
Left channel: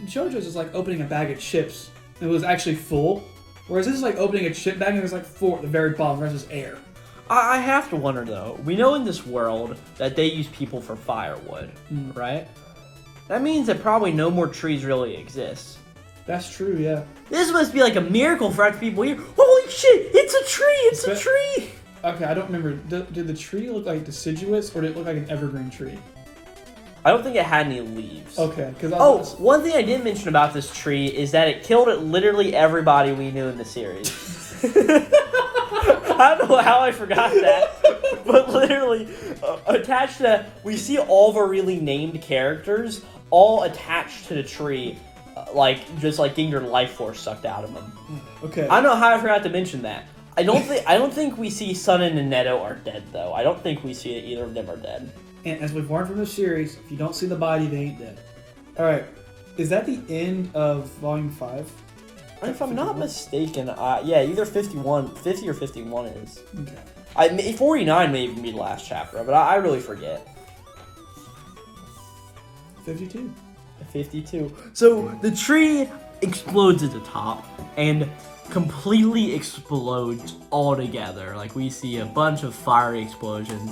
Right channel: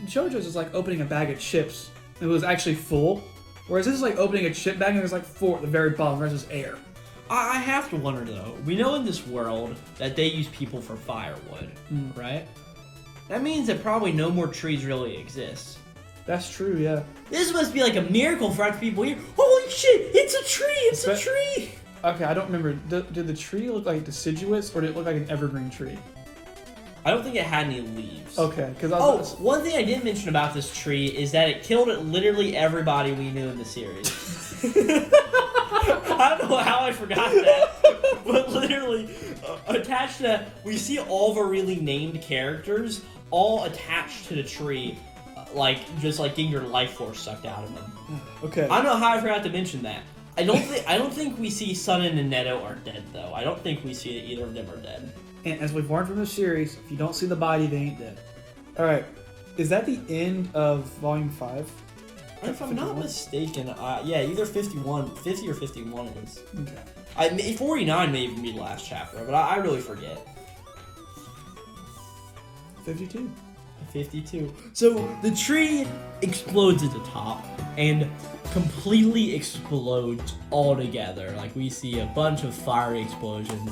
JoJo's is like opening a bag of chips. It was actually full. Whereas this is like opening a chip bag and there's like 4 at the very bottom, the rest is air. I have to wonder, though. We know in this world that they use people for firewood, right? That means that probably no more trees really exist. That's true, yeah. This must be like a miracle for other people here. Holy shit, it's a tree, it's a tree! Okay, I don't remember. Did the tree look like deciduous or did it look like an evergreen tree? I don't think it had any leaves. Okay, because one thing I did mention about this tree is that it killed literally everybody we knew in the series. I don't know how I forgot that, but literally attached to that, we see all of our really named characters all attached to the tree, just getting their life force sucked out of them. Okay. I don't know how I forgot to mention that. I don't think we see Sunin and Neto are dead though. I don't think we see it, either of them are dead. And as we've learned from the series, if you don't see the body, they ain't dead. All right, is that the end of Volume 5? If I'm not mistaken, either 50 or 51 is. Okay. 49 may even be the last chapter, but I really forget. 52. 52. So the tree explodes at the top and completely explodes all together. Like, we see a bunch of fiery explosions,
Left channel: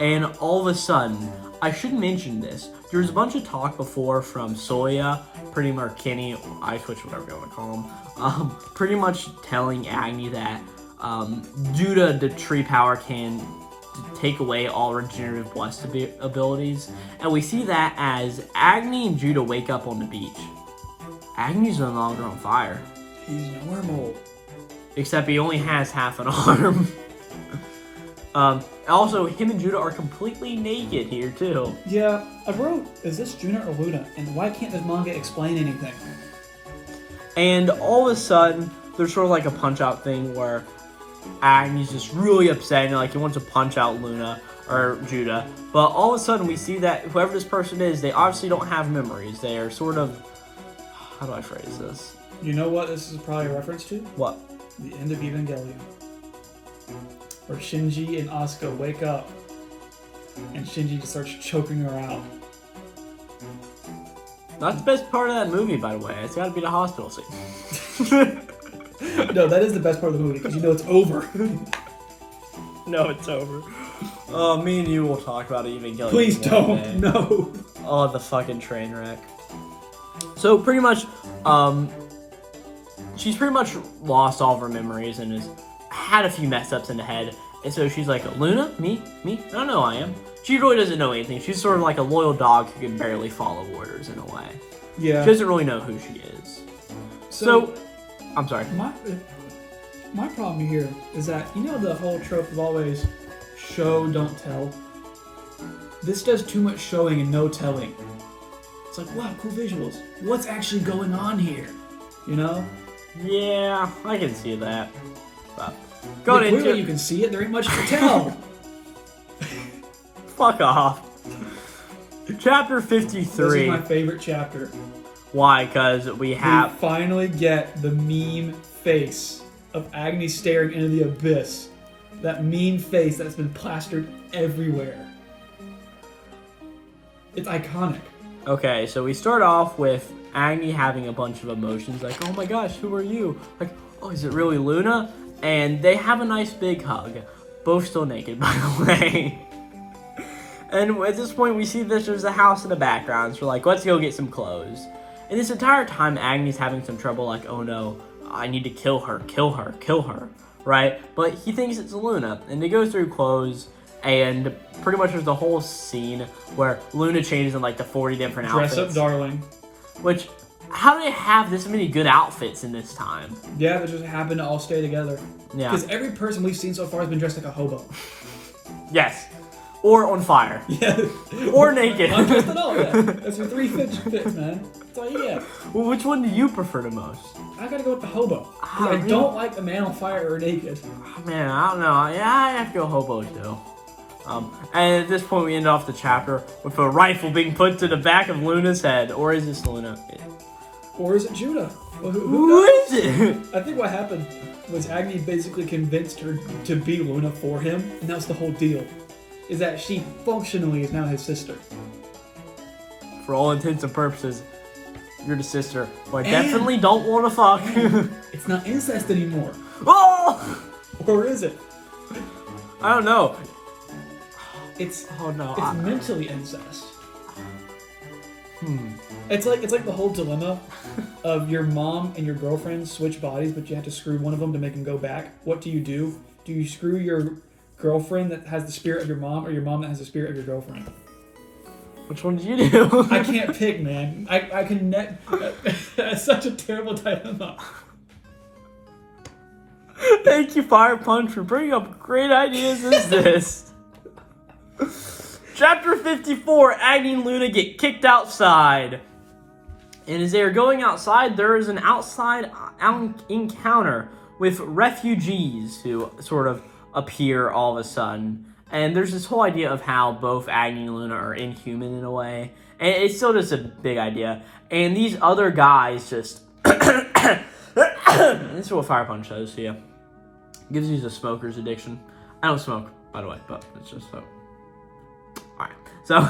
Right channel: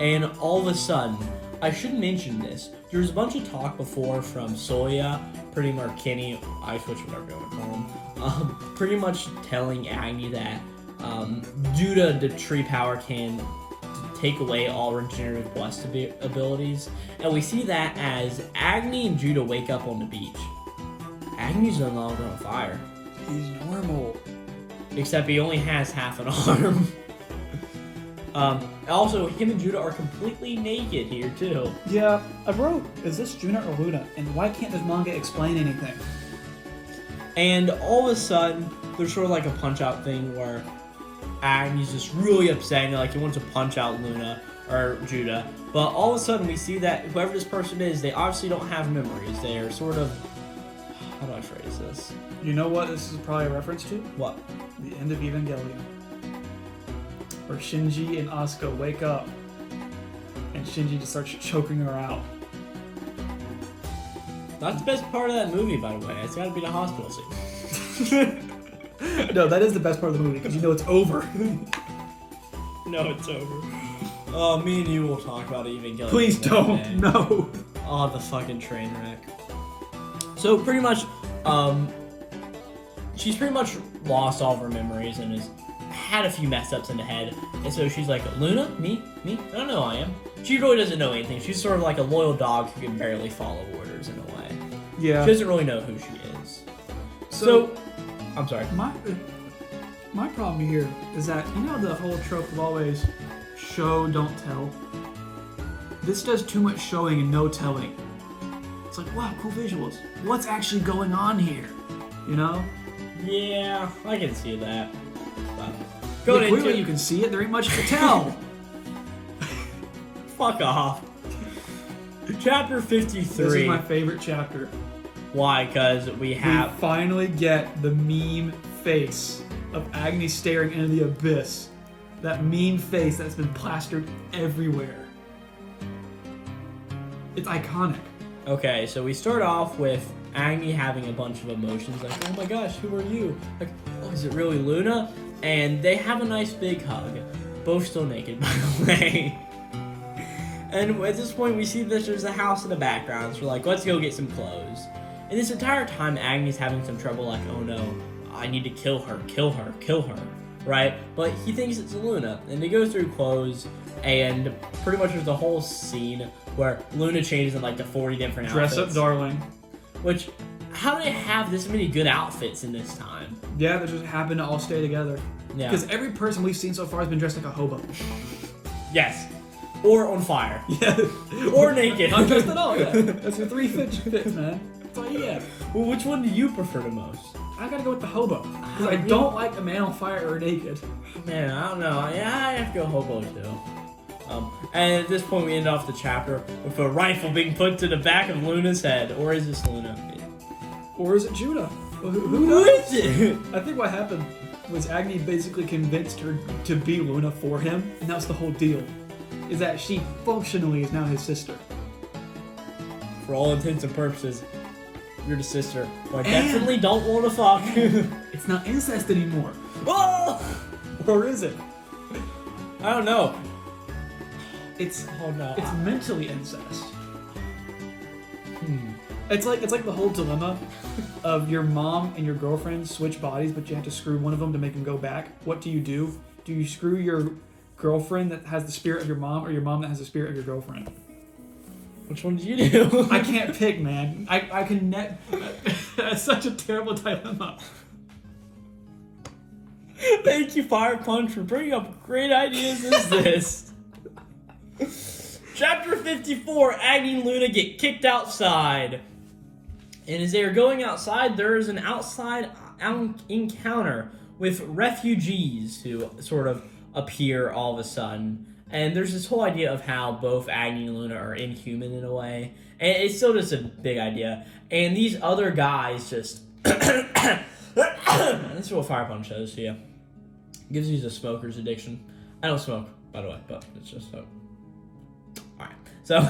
and all of a sudden, I should mention this, there was a bunch of talk before from Soya, pretty much Kenny, I switch whatever you want to call him, pretty much telling Agni that due to the tree power can take away all regenerative blessed abilities, and we see that as Agni and Judah wake up on the beach. Agni's no longer on fire. He's normal. Except he only has half an arm. Also, him and Judah are completely naked here, too. Yeah, I wrote, is this Juna or Luna? And why can't this manga explain anything? And all of a sudden, there's sort of like a punch-out thing where Agni's just really upset and like he wants to punch out Luna or Judah. But all of a sudden, we see that whoever this person is, they obviously don't have memories. They are sort of... How do I phrase this? You know what this is probably a reference to? What? The end of Evangelion. Where Shinji and Asuka wake up and Shinji just starts choking her out. That's the best part of that movie, by the way. It's gotta be the hospital scene. No, that is the best part of the movie because you know it's over. No, it's over. Me and you will talk about Evangelion. Please don't. No. Oh, the fucking train wreck. So pretty much, she's pretty much lost all of her memories and has had a few mess ups in the head. And so she's like, Luna? Me? I don't know who I am. She really doesn't know anything. She's sort of like a loyal dog who can barely follow orders in a way. Yeah. She doesn't really know who she is. So I'm sorry. My problem here is that, you know the whole trope of always show, don't tell? This does too much showing and no telling. It's like, wow, cool visuals. What's actually going on here? You know? Yeah, I can see that. But clearly you can see it. There ain't much to tell. Fuck off. Chapter 53. This is my favorite chapter. Why? Because we finally get the meme face of Agni staring into the abyss. That meme face that's been plastered everywhere. It's iconic. Okay, so we start off with Agni having a bunch of emotions, like, oh my gosh, who are you? Like, oh, is it really Luna? And they have a nice big hug. Both still naked, by the way. And at this point, we see that there's a house in the background, so we're like, let's go get some clothes. And this entire time, Agni's having some trouble, like, oh no, I need to kill her, right? But he thinks it's Luna, and they go through clothes, and pretty much there's the whole scene where Luna changes in like the 40 different outfits. Dress up, darling. Which, how do they have this many good outfits in this time? Yeah, they just happen to all stay together. Yeah. Because every person we've seen so far has been dressed like a hobo. Yes. Or on fire. Yeah. Or naked. Undressed at all, yeah. That's your three fits, man. That's all you get. Well, which one do you prefer the most? I gotta go with the hobo. I don't like a man on fire or naked. Oh, man, I don't know. Yeah, I have to go hobo too. And at this point, we end off the chapter with a rifle being put to the back of Luna's head. Or is this Luna? Or is it Judah? Well, who is it? I think what happened was Agni basically convinced her to be Luna for him, and that was the whole deal. Is that she functionally is now his sister. For all intents and purposes, you're the sister who I definitely don't want to fuck. It's not incest anymore. Oh! Or is it? I don't know. It's no. It's mentally incest. It's like the whole dilemma of your mom and your girlfriend switch bodies, but you have to screw one of them to make them go back. What do? Do you screw your girlfriend that has the spirit of your mom, or your mom that has the spirit of your girlfriend? Which one do you do? I can't pick, man. I can net. That's such a terrible dilemma. Thank you, Fire Punch, for bringing up great ideas as this. Chapter 54, Agni and Luna get kicked outside. And as they are going outside, there is an outside encounter with refugees who sort of appear all of a sudden. And there's this whole idea of how both Agni and Luna are inhuman in a way. And it's still just a big idea. And these other guys just... This is what Fire Punch does, so yeah. Gives you the smoker's addiction. I don't smoke, by the way, but it's just so... Alright, so...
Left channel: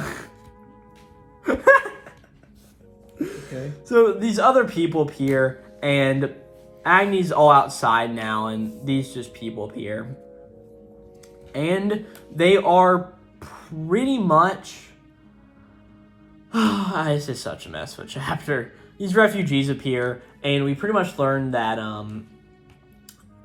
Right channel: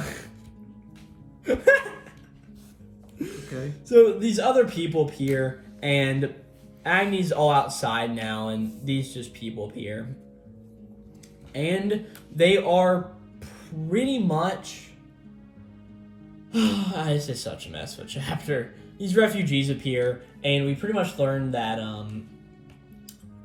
Okay. So these other people appear, and Agni's all outside now, and these just people appear. And they are pretty much... This is such a mess of a chapter. These refugees appear, and we pretty much learn that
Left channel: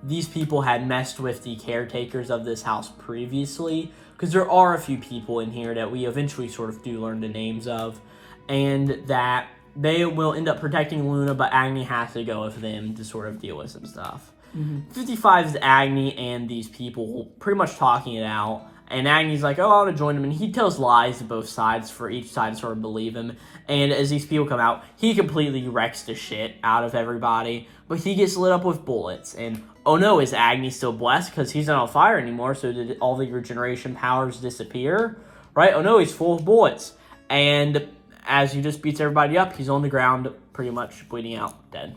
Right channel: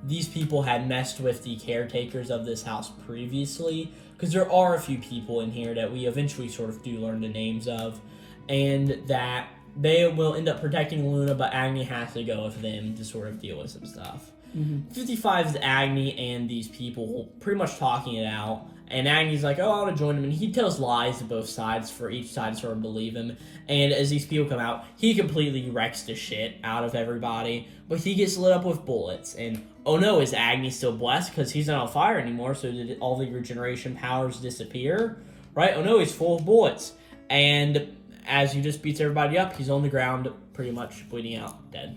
these people had messed with the caretakers of this house previously, because there are a few people in here that we eventually sort of do learn the names of, and that they will end up protecting Luna, but Agni has to go with them to sort of deal with some stuff. 55 is Agni and these people pretty much talking it out, and Agni's like, oh, I want to join him, and he tells lies to both sides for each side to sort of believe him, and as these people come out, he completely wrecks the shit out of everybody, but he gets lit up with bullets, and oh no, is Agni still blessed because he's not on fire anymore, so did all the regeneration powers disappear? Right? Oh no, he's full of bullets, and as he just beats everybody up, he's on the ground, pretty much bleeding out, dead.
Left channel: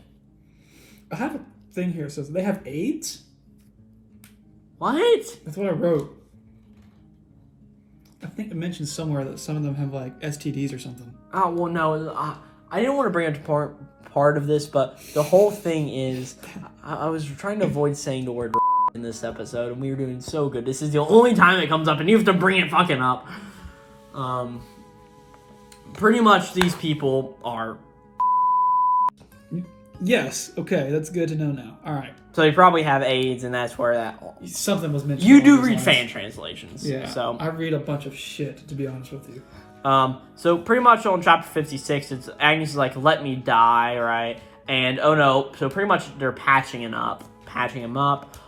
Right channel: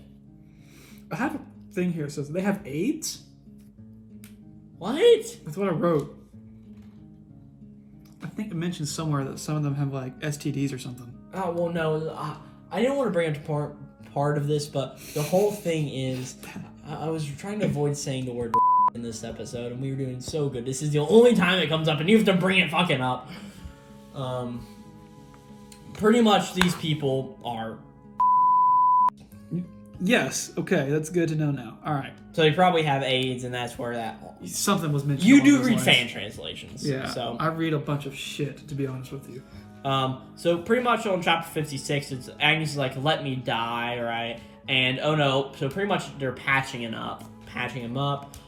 I have a thing here that says they have AIDS? What? That's what I wrote. I think it mentions somewhere that some of them have like STDs or something. Oh, well, no, I didn't want to bring up part of this, but the whole thing is, I was trying to avoid saying the word in this episode, and we were doing so good. This is the only time it comes up, and you have to bring it fucking up. Pretty much these people are... Yes, okay, that's good to know now. All right. So they probably have AIDS, and that's where that... Something was mentioned. You do read fan translations. Yeah, so I read a bunch of shit, to be honest with you. So pretty much on chapter 56, it's Agnes is like, let me die, right? And oh no, so pretty much they're patching him up.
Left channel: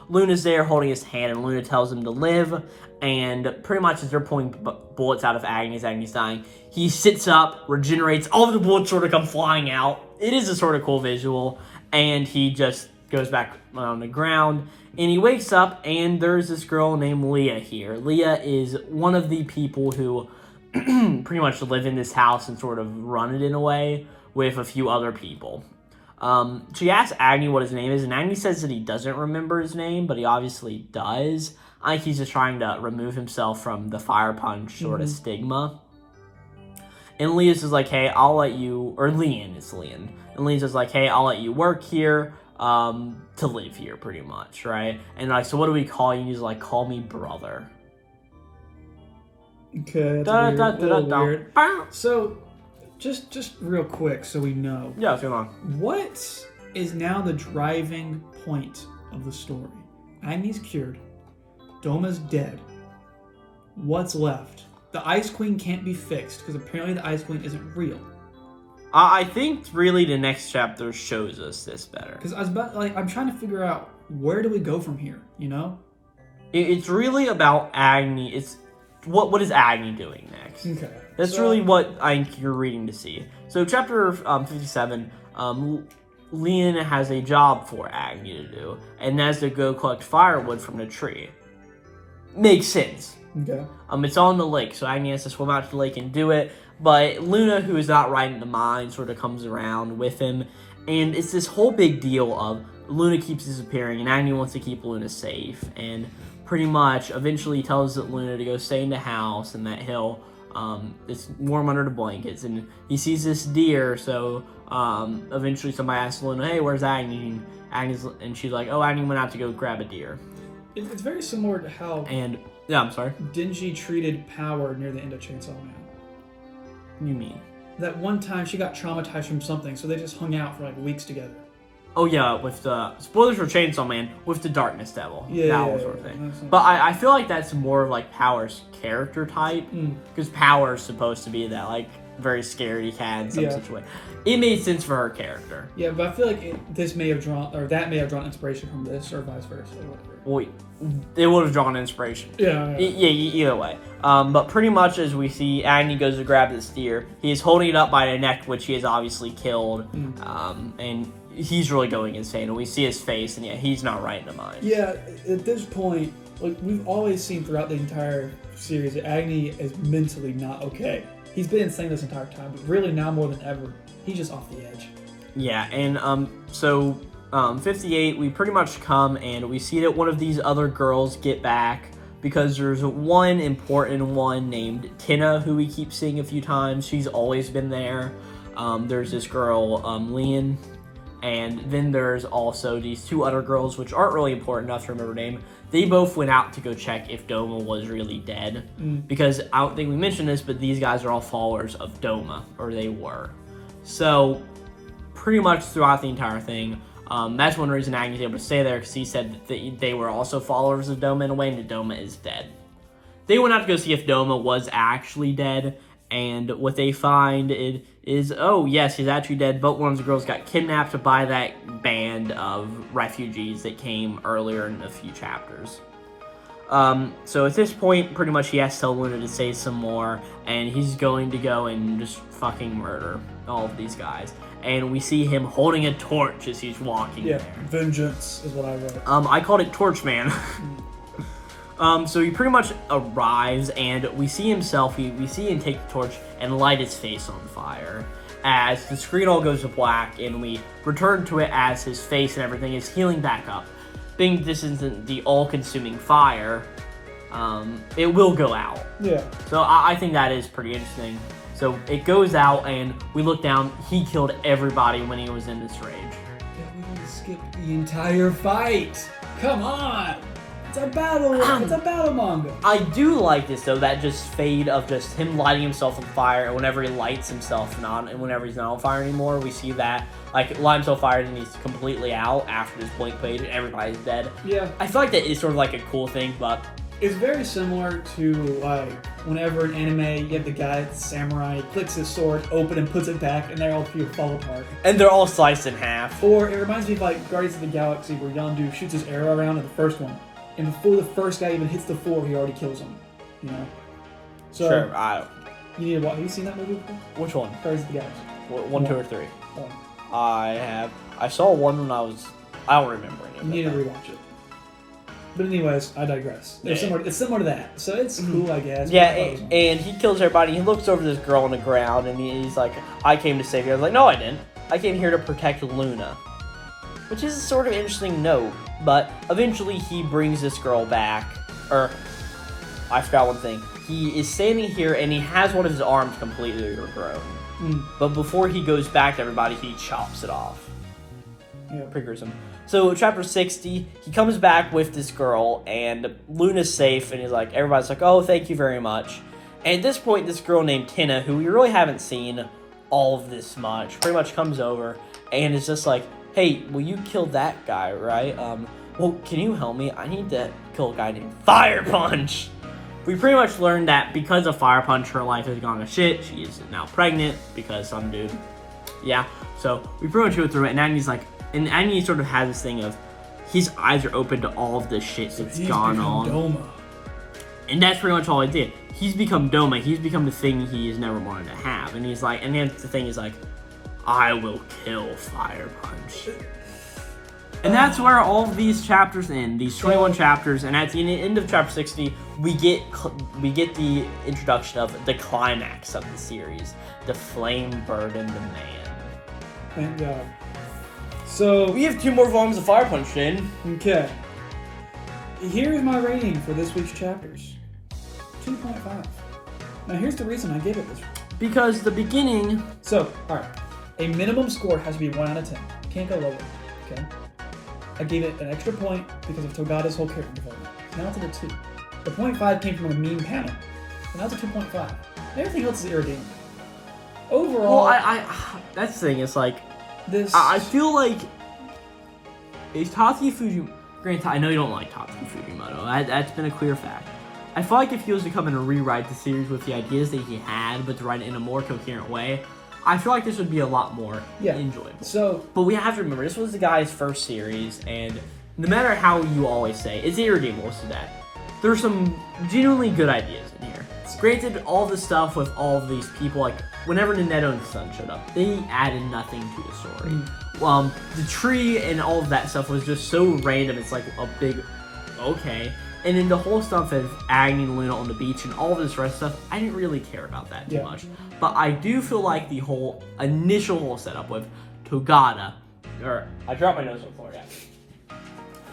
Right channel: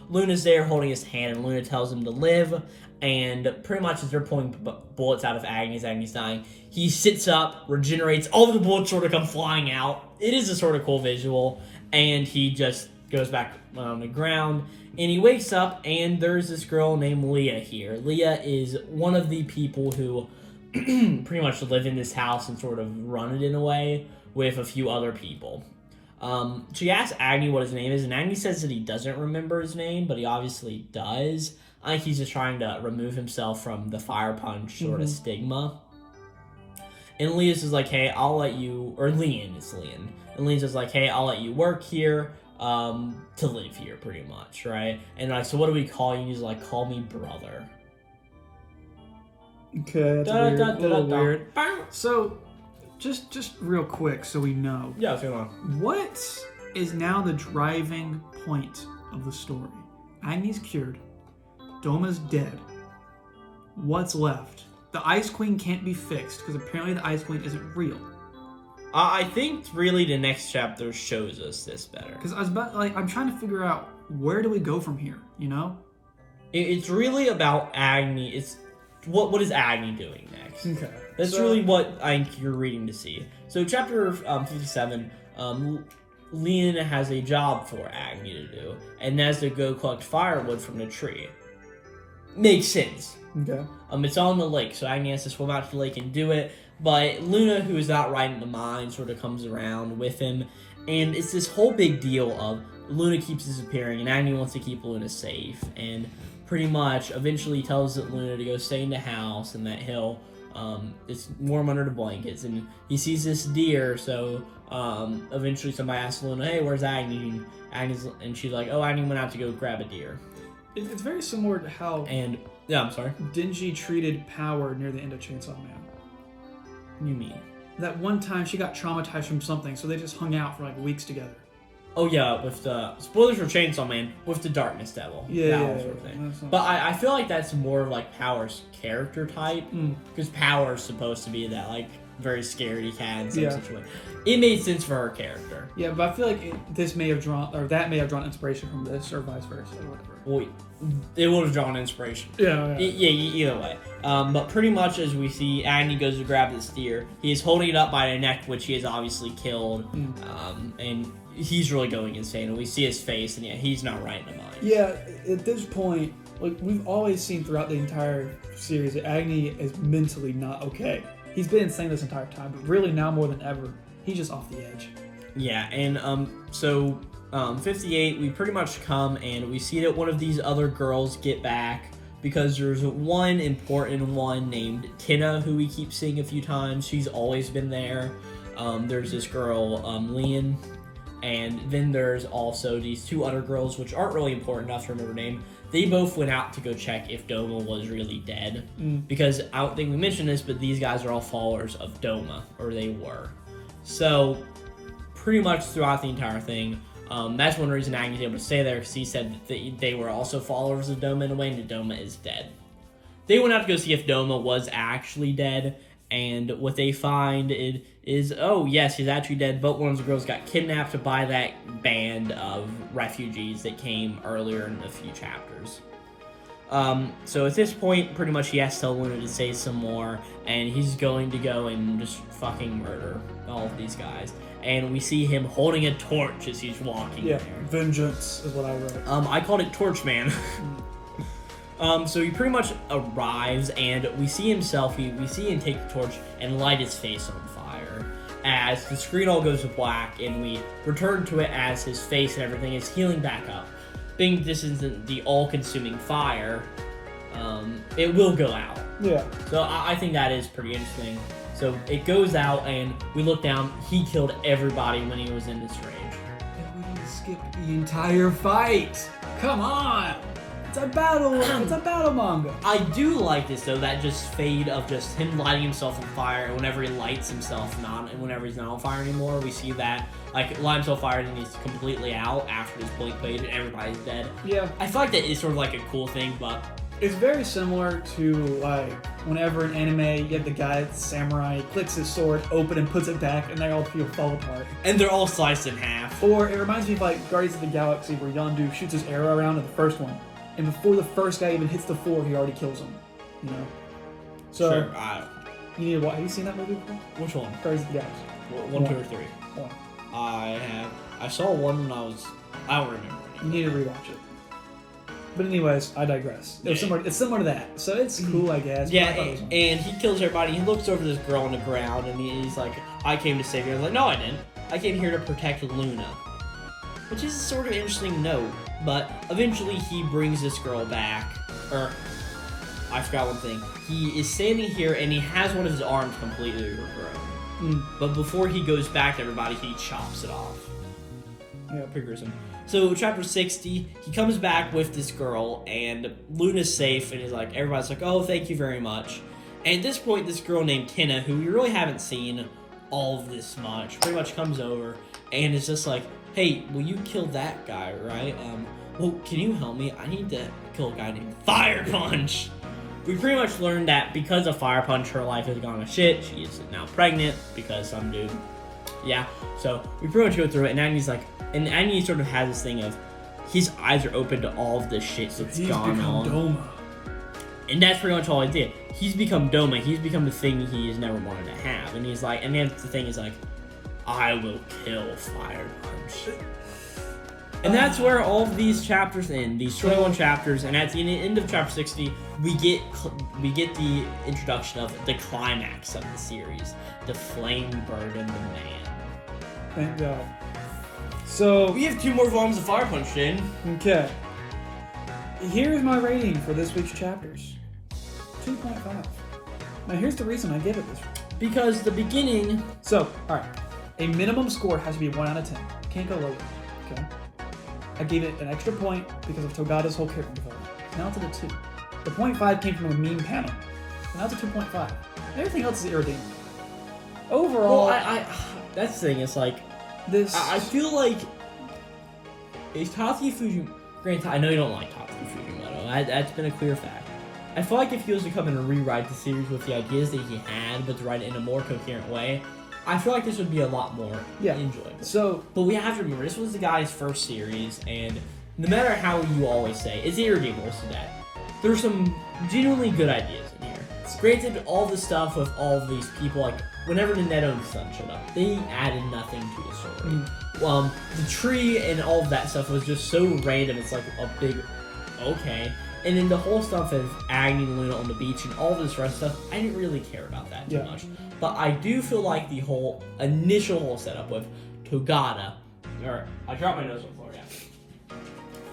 Luna's there holding his hand, and Luna tells him to live, and pretty much as they're pulling bullets out of Agnes dying, he sits up, regenerates, all of the bullets sort of come flying out. It is a sort of cool visual, and he just goes back on the ground, and he wakes up, and there's this girl named Leah here. Leah is one of the people who pretty much live in this house and sort of run it in a way with a few other people. She asks Agni what his name is, and Agni says that he doesn't remember his name, but he obviously does. I think he's just trying to remove himself from the fire punch sort of stigma. And Leah's is like, hey, I'll let you, or Leon, it's Leon. And Leon's just like, hey, I'll let you work here, to live here, pretty much, right? And like, so what do we call you? And he's like, call me brother. Okay, that's weird. So, just real quick, so we know. Yeah, go on. What is now the driving point of the story? Agni's cured. Doma's dead. What's left? The Ice Queen can't be fixed, because apparently the Ice Queen isn't real. I think really the next chapter shows us this better. Because I'm trying to figure out, where do we go from here, you know? It's really about Agni. It's what is Agni doing next? Okay. That's really what I think you're reading to see. So chapter 57, Leon has a job for Agni to do, and that's to go collect firewood from the tree. Makes sense. Okay. It's on the lake, so Agni has to swim out to the lake and do it, but Luna, who is not right in the mind, sort of comes around with him, and it's this whole big deal of Luna keeps disappearing, and Agni wants to keep Luna safe, and pretty much eventually tells Luna to go stay in the house, and that he'll it's warm under the blankets, and he sees this deer, so eventually somebody asks Luna, hey, where's Agni? And she's like, oh, Agni went out to go grab a deer. It's very similar to how yeah, I'm sorry. Dingy treated Power near the end of Chainsaw Man. What do you mean? That one time she got traumatized from something, so they just hung out for like weeks together. Oh yeah, with the spoilers for Chainsaw Man with the Darkness Devil, yeah, sort of thing. But I feel like that's more of like Power's character type, because Power's supposed to be that like very scary cat in some situation. It made sense for her character. Yeah, but I feel like that may have drawn inspiration from this, or vice versa, or whatever. Well, it would have drawn inspiration. Yeah. Either way. But pretty much as we see, Agni goes to grab this deer. He is holding it up by the neck, which he has obviously killed, and he's really going insane. And we see his face, and he's not right in the mind. Yeah, at this point, like we've always seen throughout the entire series, that Agni is mentally not okay. He's been insane this entire time, but really now more than ever, he's just off the edge. Yeah, and so 58, we pretty much come and we see that one of these other girls get back, because there's one important one named Tina, who we keep seeing a few times. She's always been there. There's this girl, Leon, and then there's also these 2 other girls, which aren't really important enough to remember her name. They both went out to go check if Doma was really dead, because I don't think we mentioned this, but these guys are all followers of Doma, or they were. So, pretty much throughout the entire thing, that's one reason Agnes able to stay there, because he said that they were also followers of Doma in a way, and that Doma is dead. They went out to go see if Doma was actually dead, and what they find is, oh yes, he's actually dead, but one of the girls got kidnapped by that band of refugees that came earlier in a few chapters. So at this point, pretty much he has to tell Luna to say some more, and he's going to go and just fucking murder all of these guys. And we see him holding a torch as he's walking there. Vengeance is what I wrote. I called it Torch Man. So he pretty much arrives, and we see himself, we see him take the torch and light his face on fire. As the screen all goes to black, and we return to it as his face and everything is healing back up. Being this isn't the all-consuming fire, it will go out. Yeah. So I think that is pretty interesting. So it goes out, and we look down. He killed everybody when he was in this rage. And we didn't skip the entire fight. Come on. It's a battle. It's a battle manga. I do like this though. That just fade of just him lighting himself on fire, and whenever he lights himself and whenever he's not on fire anymore, we see that like light himself fire and he's completely out after this blink fade and everybody's dead. Yeah. I feel like that is sort of like a cool thing, but. It's very similar to, like, whenever in anime, you have the guy, the samurai, clicks his sword open and puts it back, and they all fall apart. And they're all sliced in half. Or it reminds me of, like, Guardians of the Galaxy, where Yondu shoots his arrow around in the first one, and before the first guy even hits the floor, he already kills him. You know? So, sure, you need to watch. Have you seen that movie before? Which one? Guardians of the Galaxy. One, 2, or 3? One. I saw one when I don't remember anymore. You need to rewatch it. But anyways, I digress. It's similar to that, so it's cool, I guess. Yeah, and he kills everybody. He looks over this girl on the ground, and he's like, I came to save you. I was like, no, I didn't. I came here to protect Luna. Which is a sort of interesting note, but eventually he brings this girl back. Or, I forgot one thing. He is standing here, and he has one of his arms completely regrown. But before he goes back to everybody, he chops it off. Yeah. Pretty gruesome. So, chapter 60, he comes back with this girl, and Luna's safe, and he's like, everybody's like, oh, thank you very much. And at this point, this girl named Tina, who we really haven't seen all of this much, pretty much comes over, and is just like, hey, well, you killed that guy, right? Well, can you help me? I need to kill a guy named Fire Punch. We pretty much learned that because of Fire Punch, her life has gone to shit. She is now pregnant because some dude. Yeah, so we pretty much go through it, and Agni's like, and Agni sort of has this thing of his eyes are open to all of the shit that's gone on. Doma. And that's pretty much all I did. He's become Doma. He's become the thing he's never wanted to have. And he's like, and then the thing is like, I will kill Fire Punch. And that's where all of these chapters end. These 21 chapters. And at the end of chapter 60, we get the introduction of the climax of the series, the Flame Burden the Man. Thank God. So we have 2 more volumes of Fire Punch, Jaden. Okay. Here's my rating for this week's chapters. 2.5. Now here's the reason I give it this. Because the beginning. So, alright. A minimum score has to be 1 out of 10. Can't go lower. Okay. I gave it an extra point because of Togata's whole character development. Now it's at a 2. The 0.5 came from a meme panel. And now it's a 2.5. Everything else is irredeemable. Overall. Well, that's the thing. It's like. I feel like is Tatsuya Fujimoto. Granted, I know you don't like Tatsuya Fujimoto. That's been a clear fact. I feel like if he was to come in and rewrite the series with the ideas that he had, but to write it in a more coherent way, I feel like this would be a lot more enjoyable. But we have to remember, this was the guy's first series, and no matter how you always say, it's irredeemable to that. There's some genuinely good ideas in here. Granted, all the stuff with all of these people, like, whenever Neneto and the Sun showed up, they added nothing to the story. The tree and all of that stuff was just so random, it's like a big, okay. And then the whole stuff of Agni and Luna on the beach and all this rest of stuff, I didn't really care about that too much. But I do feel like the whole initial setup with Togata, or I dropped my nose on the floor, yeah.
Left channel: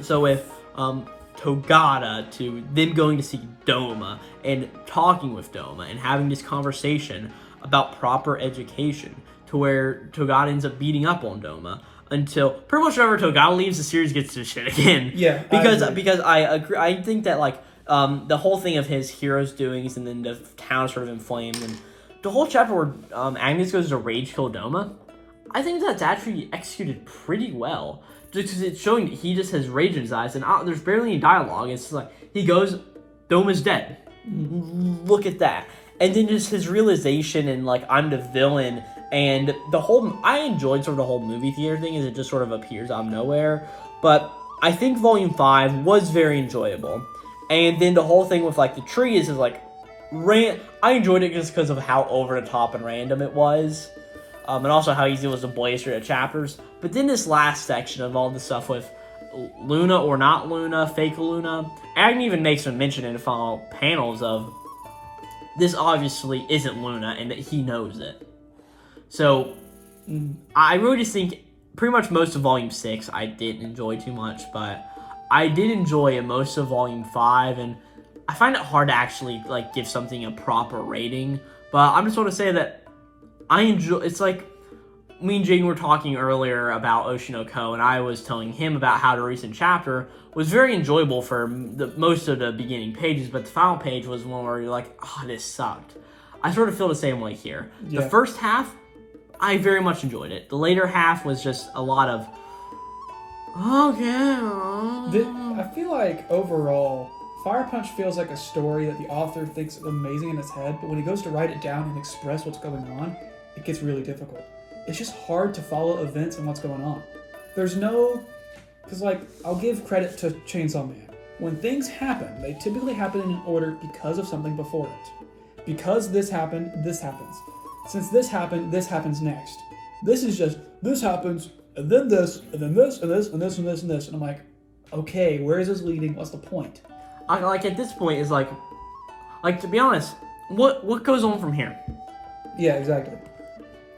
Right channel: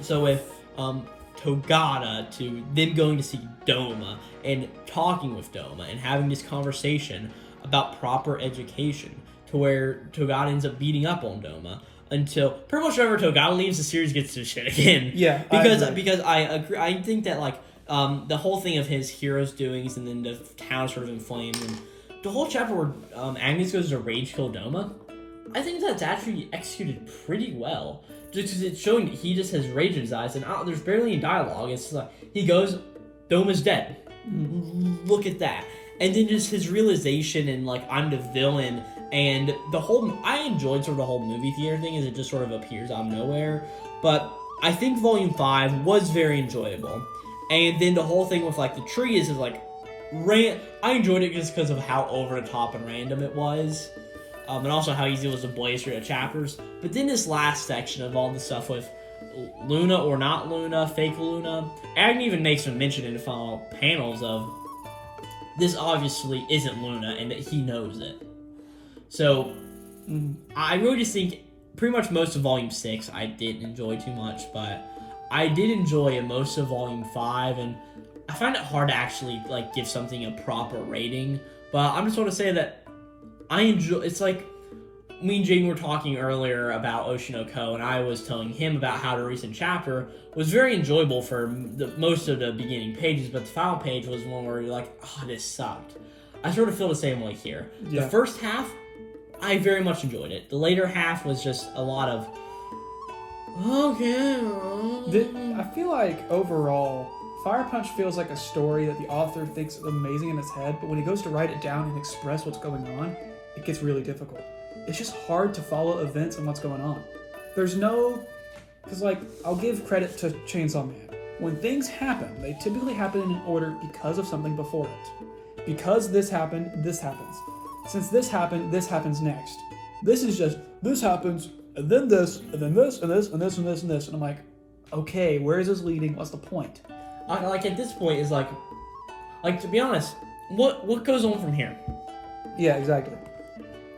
So with Togata to them going to see Doma and talking with Doma and having this conversation about proper education, to where Togata ends up beating up on Doma until pretty much whenever Togata leaves, the series gets to shit again. Yeah, because I agree. I think that like the whole thing of his hero's doings and then the town sort of in flames and the whole chapter where Agnes goes to rage kill Doma, I think that's actually executed pretty well. Just because it's showing that he just has rage in his eyes and there's barely any dialogue. It's just like he goes, Doma's dead. Look at that. And then just his realization and like I'm the villain and the whole I enjoyed sort of the whole movie theater thing as it just sort of appears out of nowhere. But I think Volume 5 was very enjoyable. And then the whole thing with like the tree is like I enjoyed it just because of how over the top and random it was. And also how easy it was to blaze through the chapters. But then this last section of all the stuff with Luna or not Luna, fake Luna, Agni even makes a mention in the final panels of this obviously isn't Luna and that he knows it. So I really just think pretty much most of Volume 6 I didn't enjoy too much, but I did enjoy most of Volume 5, and I find it hard to actually like give something a proper rating, but I'm just going to say that I enjoy. It's like me and Jaden were talking earlier about Oshinoko, and I was telling him about how the recent chapter was very enjoyable for most of the beginning pages, but the final page was one where you're like, oh, this sucked. I sort of feel the same way here. Yeah. The first half, I very much enjoyed it. The later half was just a lot of, okay. I feel like overall, Fire Punch feels like a story that the author thinks is amazing in his head, but when he goes to write it down and express what's going on, it gets really difficult. It's just hard to follow events and what's going on. There's no... Because, like, I'll give credit to Chainsaw Man. When things happen, they typically happen in an order because of something before it. Because this happened, this happens. Since this happened, this happens next. This is just, this happens, and then this, and then this, and this, and this, and this, and this. And I'm like, okay, where is this leading? What's the point? Like, at this point, is like, to be honest, what goes on from here? Yeah, exactly.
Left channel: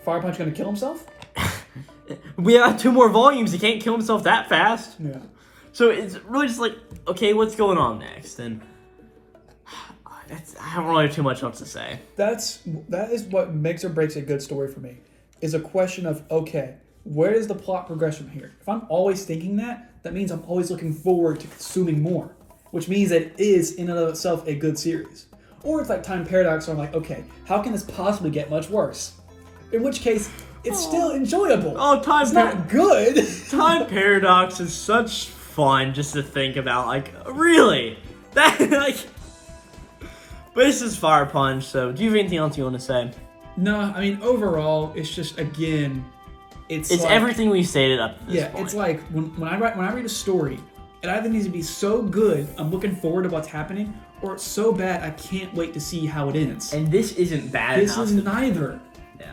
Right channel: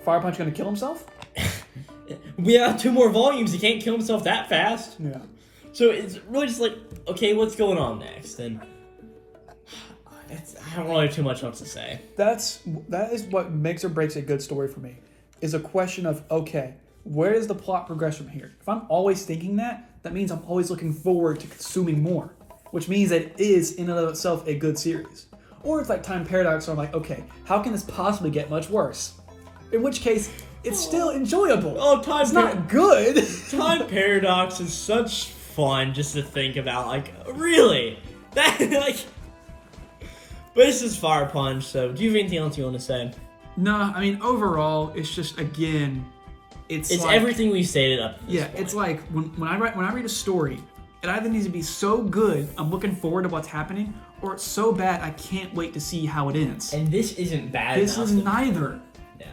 Fire Punch gonna kill himself? We have 2 more volumes. He can't kill himself that fast. Yeah. So it's really just like, okay, what's going on next? And I don't really have too much else to say. That is what makes or breaks a good story for me. Is a question of, okay, where does the plot progress from here? If I'm always thinking that means I'm always looking forward to consuming more, which means that it is in and of itself a good series. Or it's like Time Paradox, where I'm like, okay, how can this possibly get much worse? In which case, it's still enjoyable. Oh, It's not good. Time Paradox is such fun just to think about. Like, really? That, like... But this is Fire Punch, so do you have anything else you want to say? No, I mean, overall, it's just, again, it's like, everything we stated up to this point. It's like, when I read a story, it either needs to be so good, I'm looking forward to what's happening, or it's so bad, I can't wait to see how it ends. And this isn't bad This is neither.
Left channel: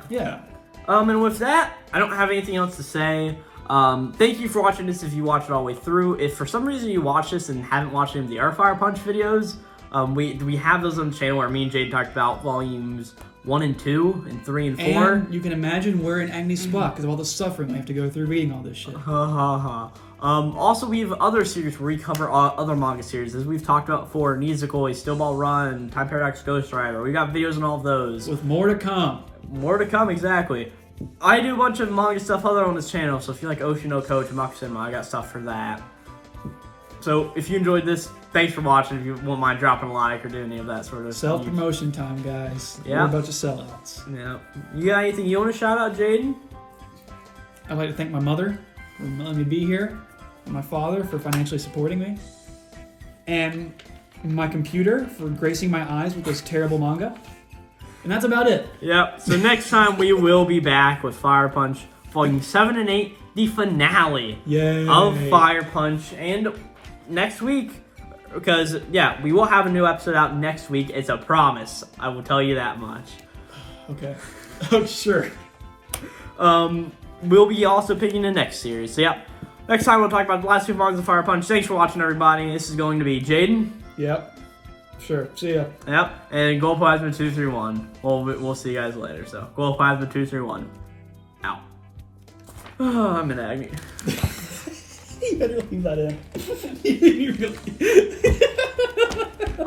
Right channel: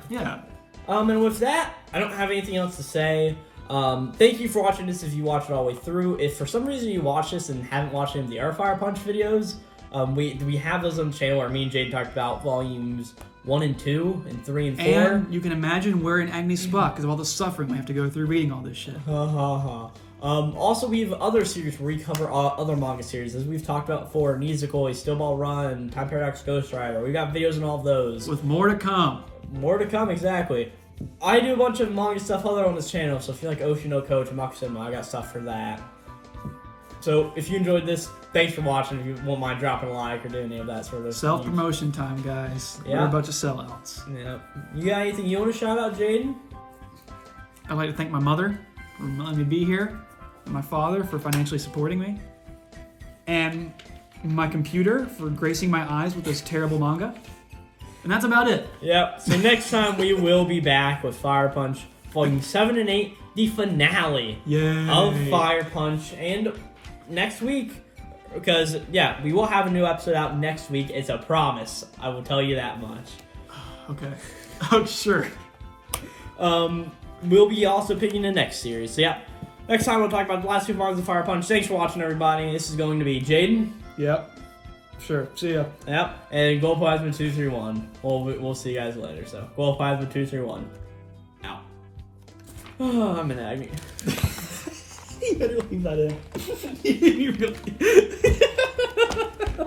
Yeah. And with that, I don't have anything else to say. Thank you for watching this if you watched it all the way through. If for some reason you watched this and haven't watched any of the other Fire Punch videos, we have those on the channel where me and Jade talked about volumes 1 and 2 and 3 and 4. And you can imagine we're in Agni's spot because of all the suffering we have to go through reading all this shit. Also, we have other series where we cover other manga series, as we've talked about before. Nizukoi, Steel Ball Run, Time Paradox Ghost Rider. We got videos on all of those. With more to come. More to come, exactly. I do a bunch of manga stuff other on this channel, so if you like Oshinoko, Tamaku Cinema, I got stuff for that. So if you enjoyed this, thanks for watching. If you won't mind dropping a like or doing any of that sort of self-promotion time, guys. Yeah. We're a bunch of sellouts. Yeah. You got anything you want to shout out, Jaden? I'd like to thank my mother for letting me be here, and my father for financially supporting me, and my computer for gracing my eyes with this terrible manga. And that's about it. Yep. So next time we will be back with Fire Punch Volume 7 and 8, the finale of Fire Punch. And next week, because, yeah, we will have a new episode out next week. It's a promise. I will tell you that much. Okay. Oh, sure. We'll be also picking the next series. So, yeah. Next time we'll talk about the last 2 volumes of Fire Punch. Thanks for watching, everybody. This is going to be Jaden. Yep. Sure. See ya. Yep. And Glowplasma 231. We'll see you guys later. So, Glowplasma 231. Out. Oh, I'm in agony. You better leave that in. You really...